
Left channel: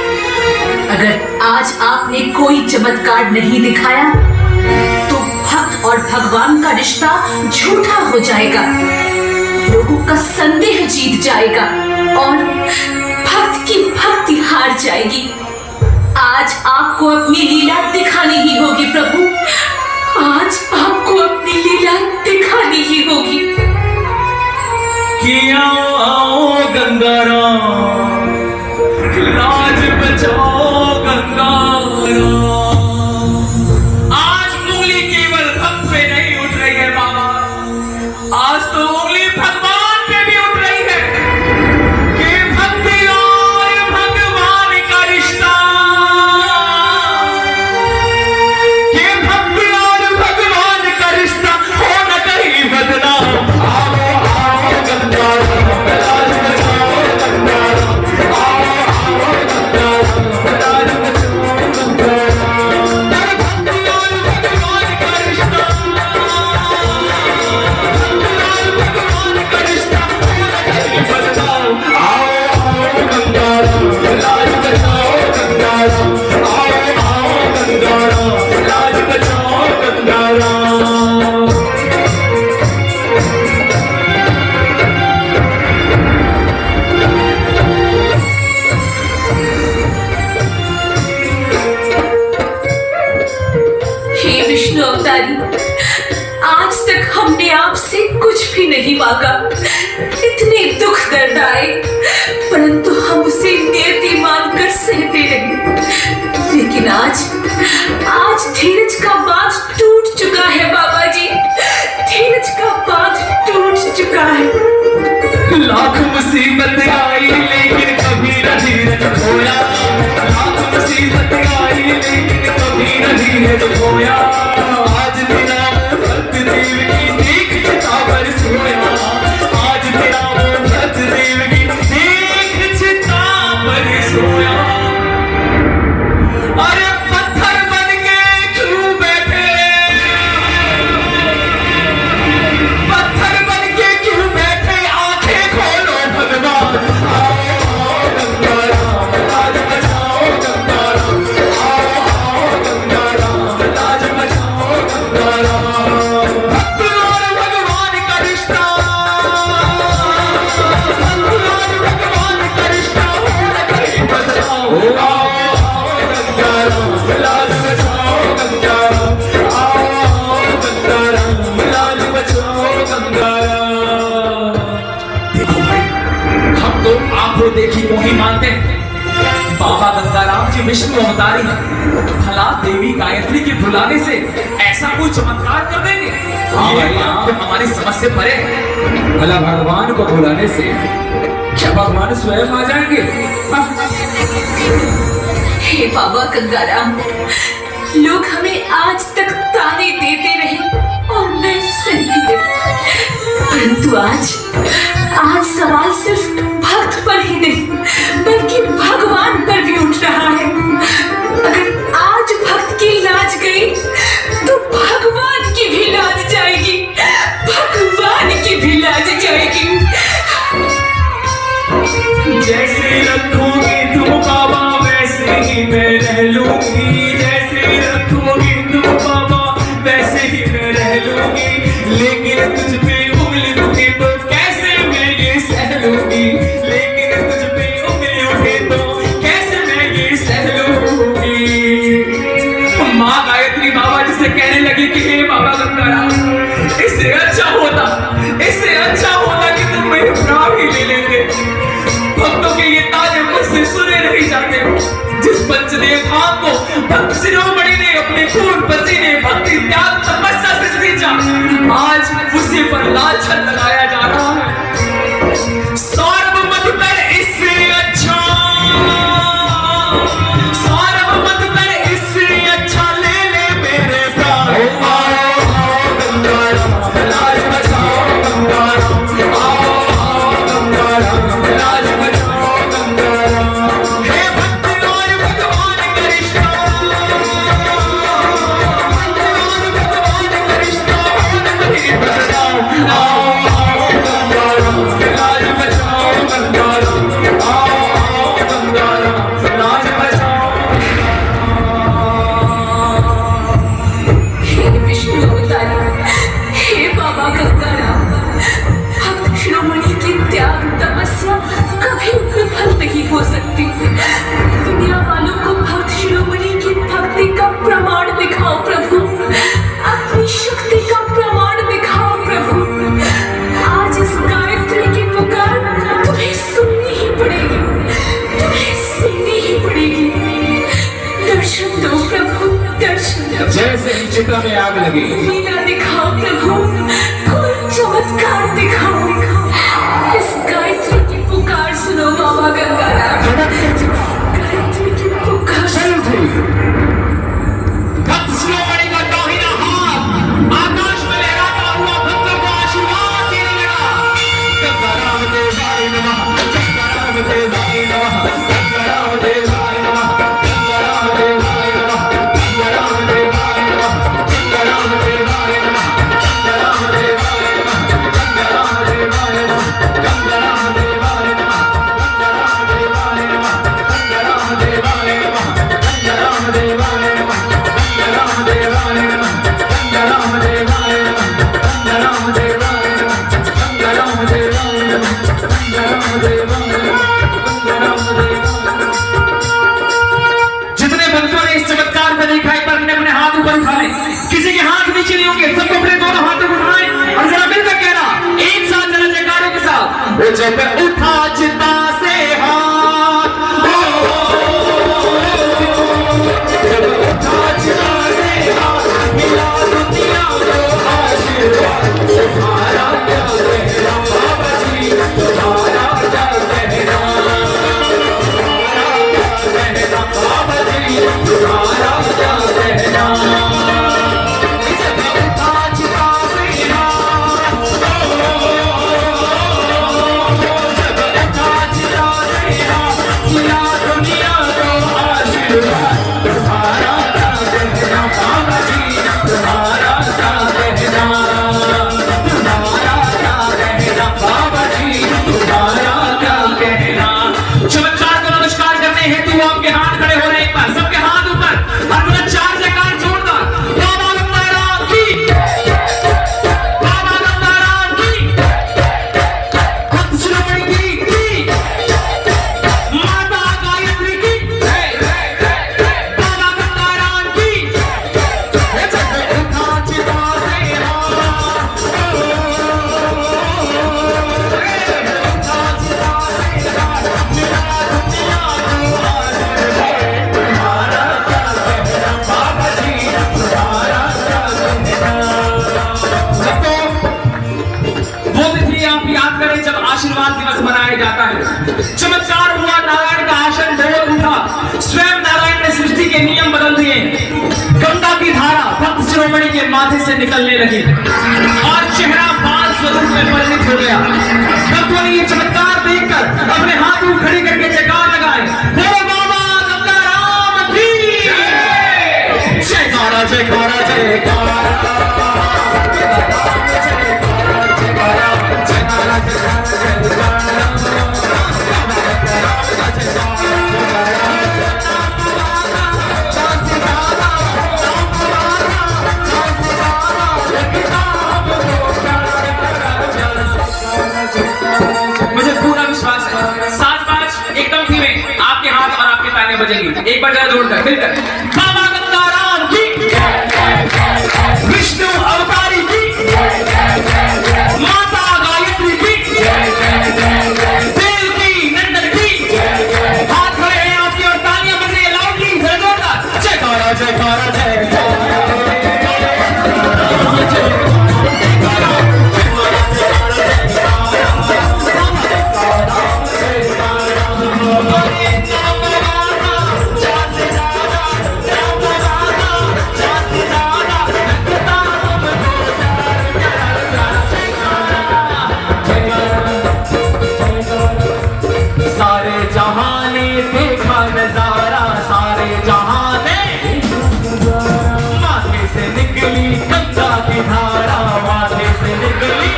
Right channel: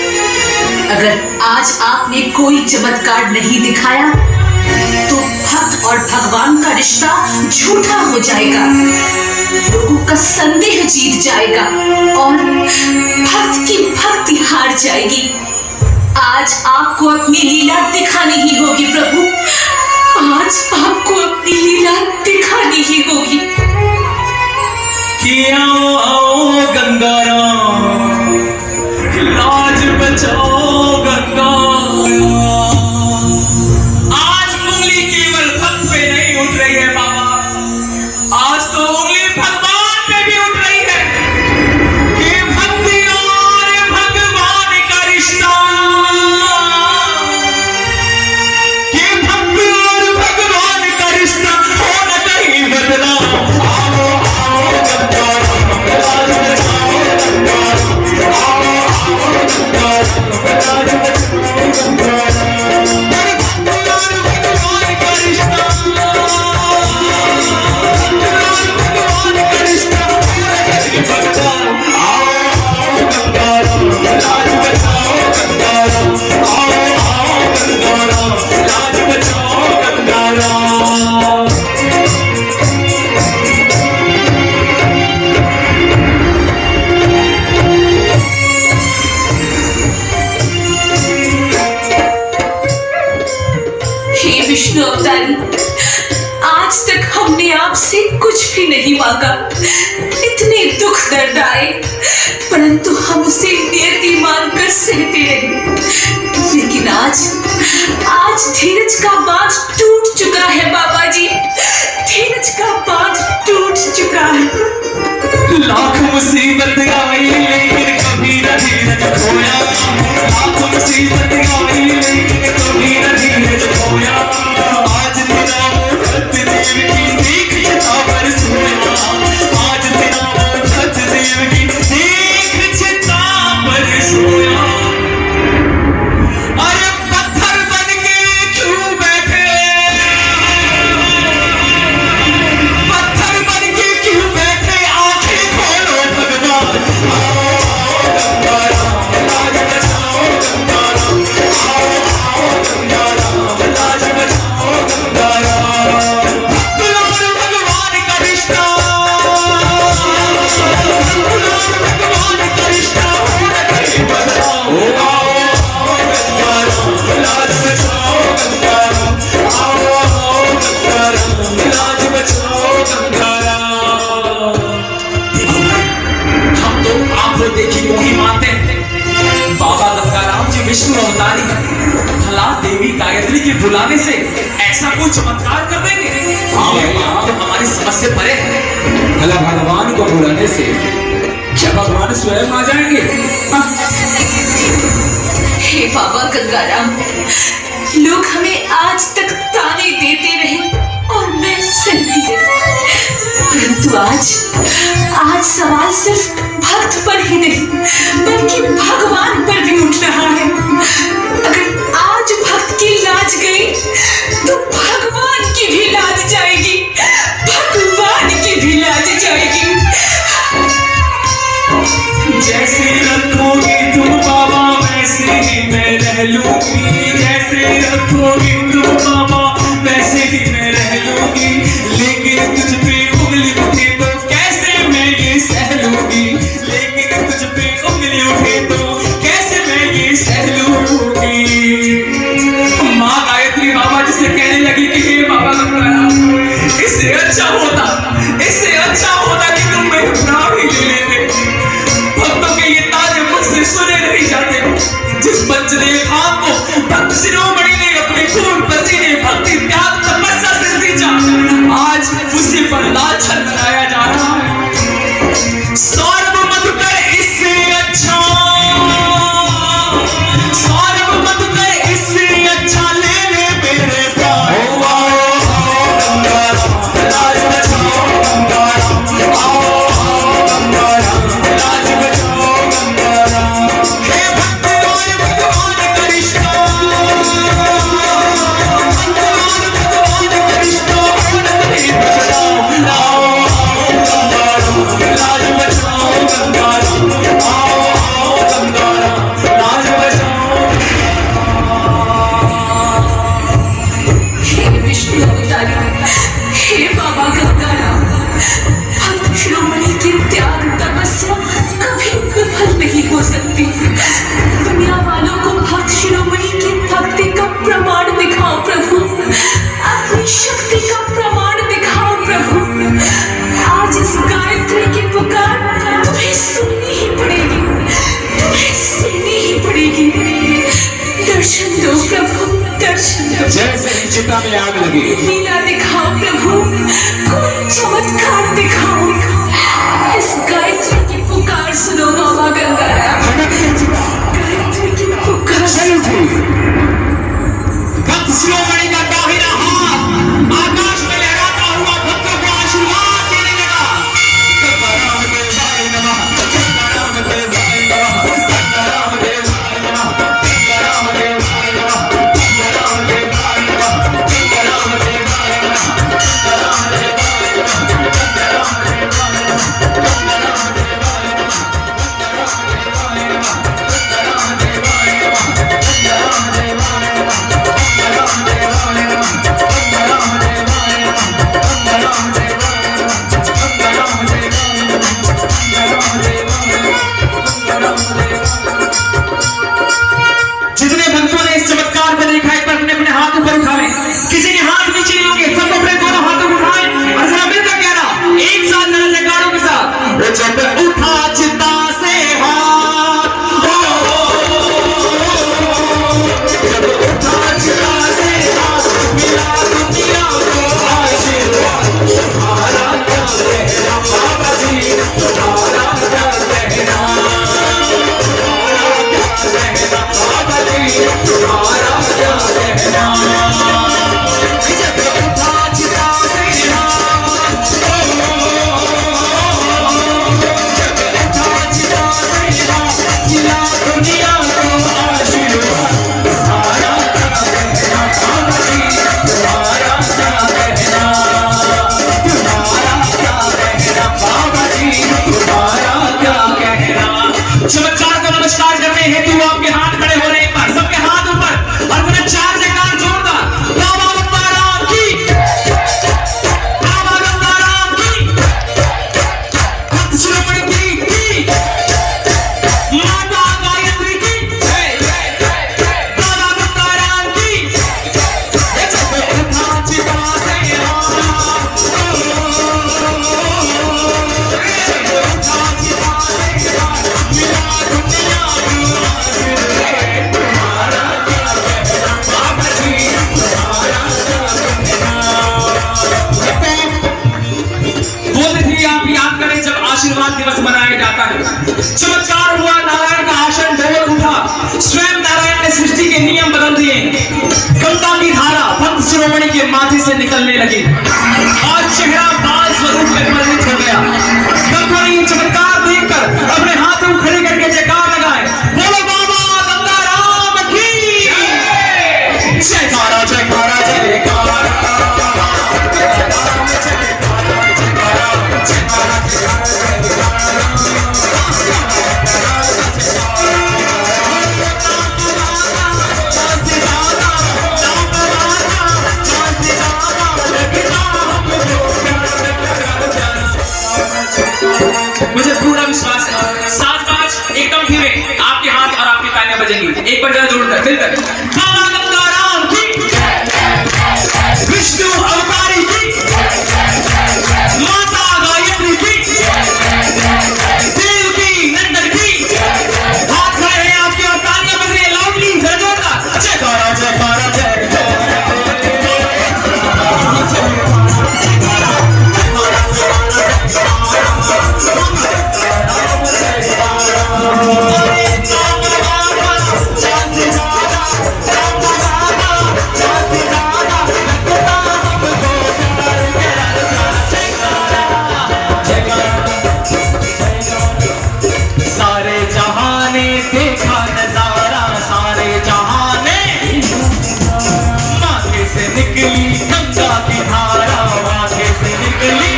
अगर आज आपने कोई चमत्कार नहीं दिखाया तो भक्त और भगवान का रिश्ता झूठा हो जाएगा, लोगों का संदेह जीत जाएगा और भक्त की भक्ति हार जाएगी। आज आपको अपनी लीला दिखानी ही होगी प्रभु, आज आपको अपनी लीला दिखानी ही होगी। कि आओ गंगाराम, लाज बचाओ गंगाराम। आज उंगली केवल भक्त पे नहीं उठ रही है बाबा, आज तो उंगली भगवान पे भी उठ रही है कि भक्ति और भगवान का रिश्ता, कि भक्ति और भगवान का रिश्ता हो न कहीं बदला। हे विष्णु अवतारी, आज तक हमने आपसे कुछ भी नहीं मांगा, इतने दुख दर्द आए, परंतु हम उसे नियति मानकर सहते रहे। लेकिन आज धीरज का बांध टूट चुका है बाबा जी, धीरज का बांध टूट चुका है। लाख मुसीबत आई लेकिन कभी न धीरज खोया, लाख मुसीबत आई लेकिन कभी न धीरज खोया। आज तेरा भक्त देव की देख चिता पर सोया, आज तेरा भक्त देव की देख चिता पर सोया। अरे पत्थर बन के क्यों बैठे, पत्थर बन के क्यों बैठे, आंखें खोलो भगवान। लाज बचाओ गंगाराम, लाज बचाओ गंगाराम। भक्त और भगवान का रिश्ता, भक्त और भगवान का रिश्ता हो न कहीं बदला। लाज बचाओ गंगाराम, लाज बचाओ गंगाराम। हम तो आंखों देखी को ही मानते हैं, बाबा गंगाराम जी विष्णु अवतारी हैं। भला देवी गायत्री के बुलाने से ऐसा कोई चमत्कार कर देंगे? हमारी समझ से परे है। भला भगवान को बुलाने से क्या भगवान स्वयं आ जाएंगे? हे बाबा गंगाराम, लोग हमें आज तक ताने देते रहे और मैं सहती रही, परंतु आज सवाल सिर्फ भक्त पर ही नहीं बल्कि भगवान पर भी उठ रहा है। अगर आज भक्त की लाज गई तो भगवान की भी लाज जाएगी, भगवान की भी लाज जाएगी। जैसे रखोगे तुम बाबा वैसे ही मैं रह लूंगी, जैसे रखोगे तुम बाबा वैसे ही मैं रह लूंगी, लेकिन तुझ पे उंगली उठे तो कैसे मैं ये सह लूंगी, लेकिन तुझ पे उंगली उठे तो कैसे मैं ये सह लूंगी। माँ गायत्री बाबा जिसे कहने लगी कि हे बाबा गंगाराम, इससे अच्छा होता कि तुम मेरे प्राण ही ले लेते। भक्तों के ये ताने मुझसे सुने नहीं जाते। जिस पंचदेव धाम को भक्त शिरोमणि ने अपने खून पसीने भक्ति त्याग तपस्या से सींचा, आज उसी पर लाछन लगाया जा रहा है। सौरभ मधुकर इससे अच्छा, सौरभ मधुकर इससे अच्छा ले ले मेरे प्राण। लाज बचाओ गंगाराम, लाज बचाओ गंगाराम। हे भक्त और भगवान का रिश्ता, भगवान का रिश्ता नहीं बचाओ। लाज बचाओ गंगाराम, लाज बचाओ। हे विष्णु अवतारी, हे बाबा गंगाराम, भक्त शिरोमणि की त्याग तपस्या कभी विफल नहीं हो सकती। दुनिया वालों को भक्त शिरोमणि की भक्ति का प्रमाण दिखाओ प्रभु, अपनी शक्ति का प्रमाण दिखाओ प्रभु। आज इस गायत्री की पुकार तुम्हें सुननी ही पड़ेगी, तुम्हें सुननी ही पड़ेगी। दर्शन दो प्रभु, दर्शन दो। जैसे ही चिता में आग लगी, लीला दिखाओ प्रभु, कोई चमत्कार दिखाओ। इस गायत्री की पुकार सुनो बाबा गंगाराम, गायत्री की पुकार सुनो। भक्त शिरोमणि का दाहिना हाथ आकाश में लहराता हुआ भक्तों को आशीर्वाद देने लगा। गंगाराम देवाय नमः, गंगाराम देवाय नमः, गंगाराम देवाय नमः, गंगाराम देवाय नमः, गंगाराम देवाय नमः, गंगाराम देवाय नमः, गंगाराम देवाय नमः, गंगाराम देवाय नमः, गंगाराम देवाय नमः, गंगाराम देवाय नमः, गंगाराम देवाय नमः, गंगाराम देवाय नमः, गंगाराम देवाय नमः, गंगाराम देवाय नमः, गंगाराम देवाय नमः, गंगाराम देवाय नमः, गंगाराम देवाय नमः, गंगाराम देवाय नमः। जितने भक्तों ने इस चमत्कार को देखा है अपने अपने हाथ ऊपर उठाएं। किसी के हाथ नीचे नहीं होंगे, सब अपने दोनों हाथों को उठाएं और जरा मिलकर कहना एक साथ जरा जयकारों के साथ। वो जब उठा चिता से हाथ, जब उठा चिता से हाथ, मिला दुनिया को आशीर्वाद। तुम्हारा क्या कहना बाबा जी, तुम्हारा क्या कहना, बाबा जी तुम्हारा क्या कहना। जब उठा चिता से हाथ, जब उठा चिता से हाथ, मिला दुनिया को आशीर्वाद। तुम्हारा क्या कहना बाबा जी, तुम्हारा क्या कहना, तुम्हारा क्या कहना बाबा जी, तुम्हारा क्या कहना। चमत्कार का नमस्कार करने हेतु आपके हाथ खड़े हो रहे हैं। एक बार सबके हाथ ऊपर और मेरा चार जयकार जोरदार। बाबा गंगाराम की, बाबा गंगाराम की, भक्त शिरोमणि की, माता गायत्री की, बाबा गंगाराम की। जब उठा चिता से हाथ, उठा चिता से हाथ, मिला दुनिया को लगी और चेहरा बाल स्वरूप में परिणित हो गया। भक्तों ने ये चमत्कार देखकर अपने हाथ खड़े करके जयकार लगाए, बोलो बाबा गंगाराम की जयकारा जयकारा जयकारा। मुझे पूरा विश्वास है 7-5 एकदम धीमे आपके हाथ और आपके तालियां बजेंगी। एक बार जरा जोड़कर फिर बाबा गंगाराम की, विष्णु अवतारी की, माता गायत्री की, देव की नंदन की। हाथ खड़े हैं आपके और तालियां बज रही है लाउडली, जरा जोरदार जयकारा जयकारा जयकारा। सारे जहां ने देखा नजारा, सारे जहां ने माथे से निकली गंगा की धारा, माथे से निकली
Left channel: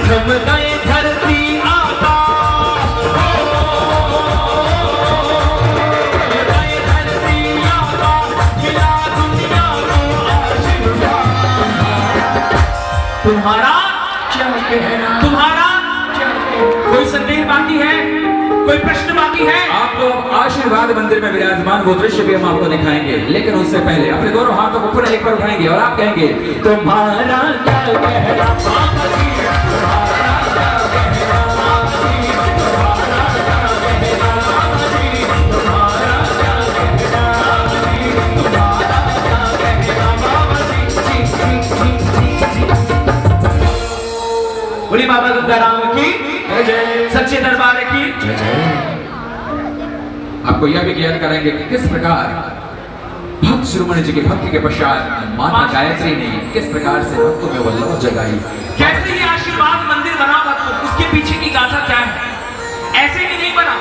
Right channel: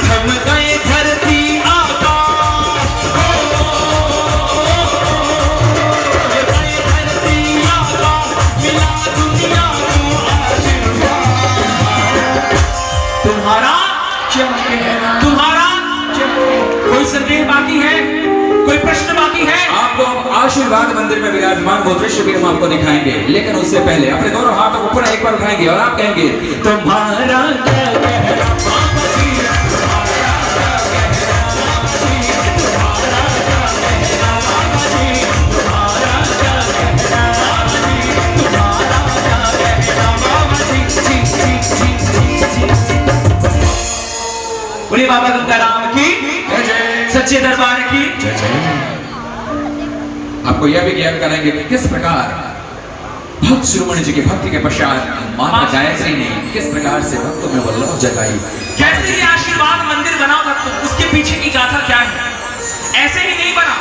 थम गए धरती आकाश, गए धरती आकाश, मिला दुनिया को आशीर्वाद। तुम्हारा क्या कहना, तुम्हारा क्या कहना? कोई संदेह बाकी है, कोई प्रश्न बाकी है? आपको आशीर्वाद मंदिर में विराजमान वो दृश्य भी हम आपको दिखाएंगे, लेकिन उससे पहले अपने दोनों हाथों को ऊपर एक बार उठाएंगे और आप कहेंगे तुम्हारा क्या कहना। बोलिए बाबा गंगाराम की जय जय। सच्चे दरबार की जय जय। आपको यह भी ज्ञान कराएंगे कि किस प्रकार भक्त शिरोमणि जी की भक्ति के पश्चात माता गायत्री ने किस प्रकार से भक्तों में वो लौ जगाई। कैसे ये आशीर्वाद मंदिर बना भक्तों, उसके पीछे की गाथा क्या है? ऐसे ही नहीं बना,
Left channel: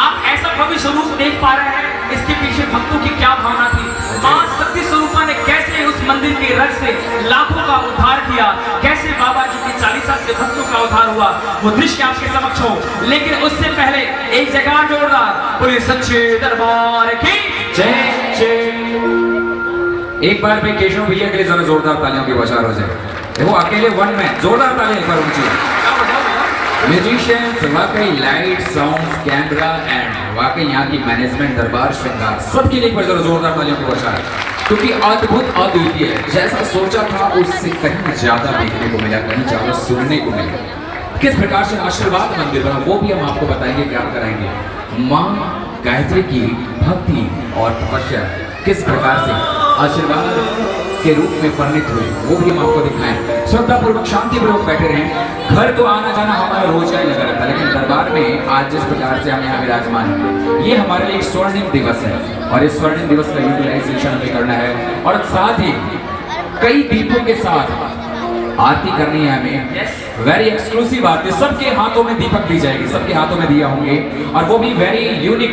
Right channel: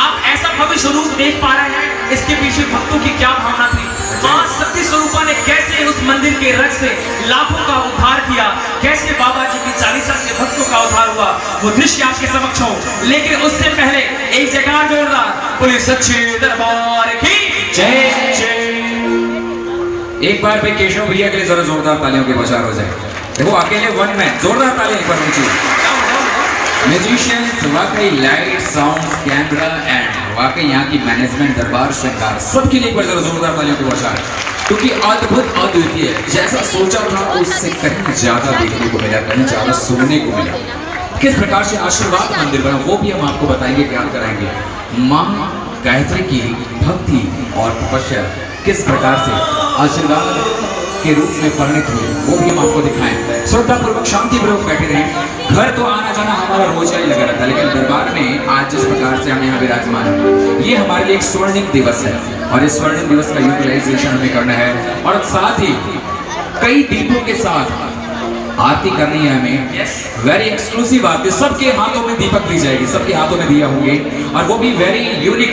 आप ऐसा भव्य स्वरूप देख पा रहे हैं, इसके पीछे भक्तों की क्या भावना थी। मां सती स्वरूपा ने कैसे उस मंदिर के रग से लाखों का उद्धार किया, कैसे बाबा जी की चालीसा से भक्तों का उद्धार हुआ, वो दृश्य आपके समक्ष हो। लेकिन उससे पहले एक जगह जोरदार बोले सच्चे दरबार की जय जय। एक बार भाई केशव भैया के लिए जरा जोरदार तालियों की बौछार हो जाए। देखो अकेले वन में जोरदार तालियां करो उनकी। म्यूजिशियंस, वाकई लाइट, साउंड, कैमरा एंड वाकई यहाँ की मैनेजमेंट, दरबार श्रृंगार सबके लिए एक बार जरा जोरदार तालियों की बौछार, क्योंकि अद्भुत अद्वितीय, जैसा सोचा था उससे कहीं ज्यादा देखने को मिला, कहीं ज्यादा सुनने को मिला। किस प्रकार से आशीर्वाद मंदिर बना वो भी हम आपको बताएंगे, ज्ञान कराएंगे। माँ गायत्री की भक्ति और तपस्या किस प्रकार से आशीर्वाद के रूप में परिणित हुई वो भी हम आपको दिखाएं। श्रद्धापूर्वक शांतिपूर्वक बैठे रहें। घर तो आना जाना हमारा रोज का ही लगा रहता है, लेकिन दरबार में आज जिस प्रकार से हम यहाँ विराजमान हैं, ये हमारे लिए एक स्वर्णिम दिवस है और इस स्वर्णिम दिवस का यूटिलाइजेशन हमें करना है और साथ ही कई दीपों के साथ आरती करनी है हमें। वेरी एक्सक्लूसिव आरती, सबके हाथों में दीपक दी जाएगी, सबके हाथों में दिया होंगे और वो भी वेरी यूनिक।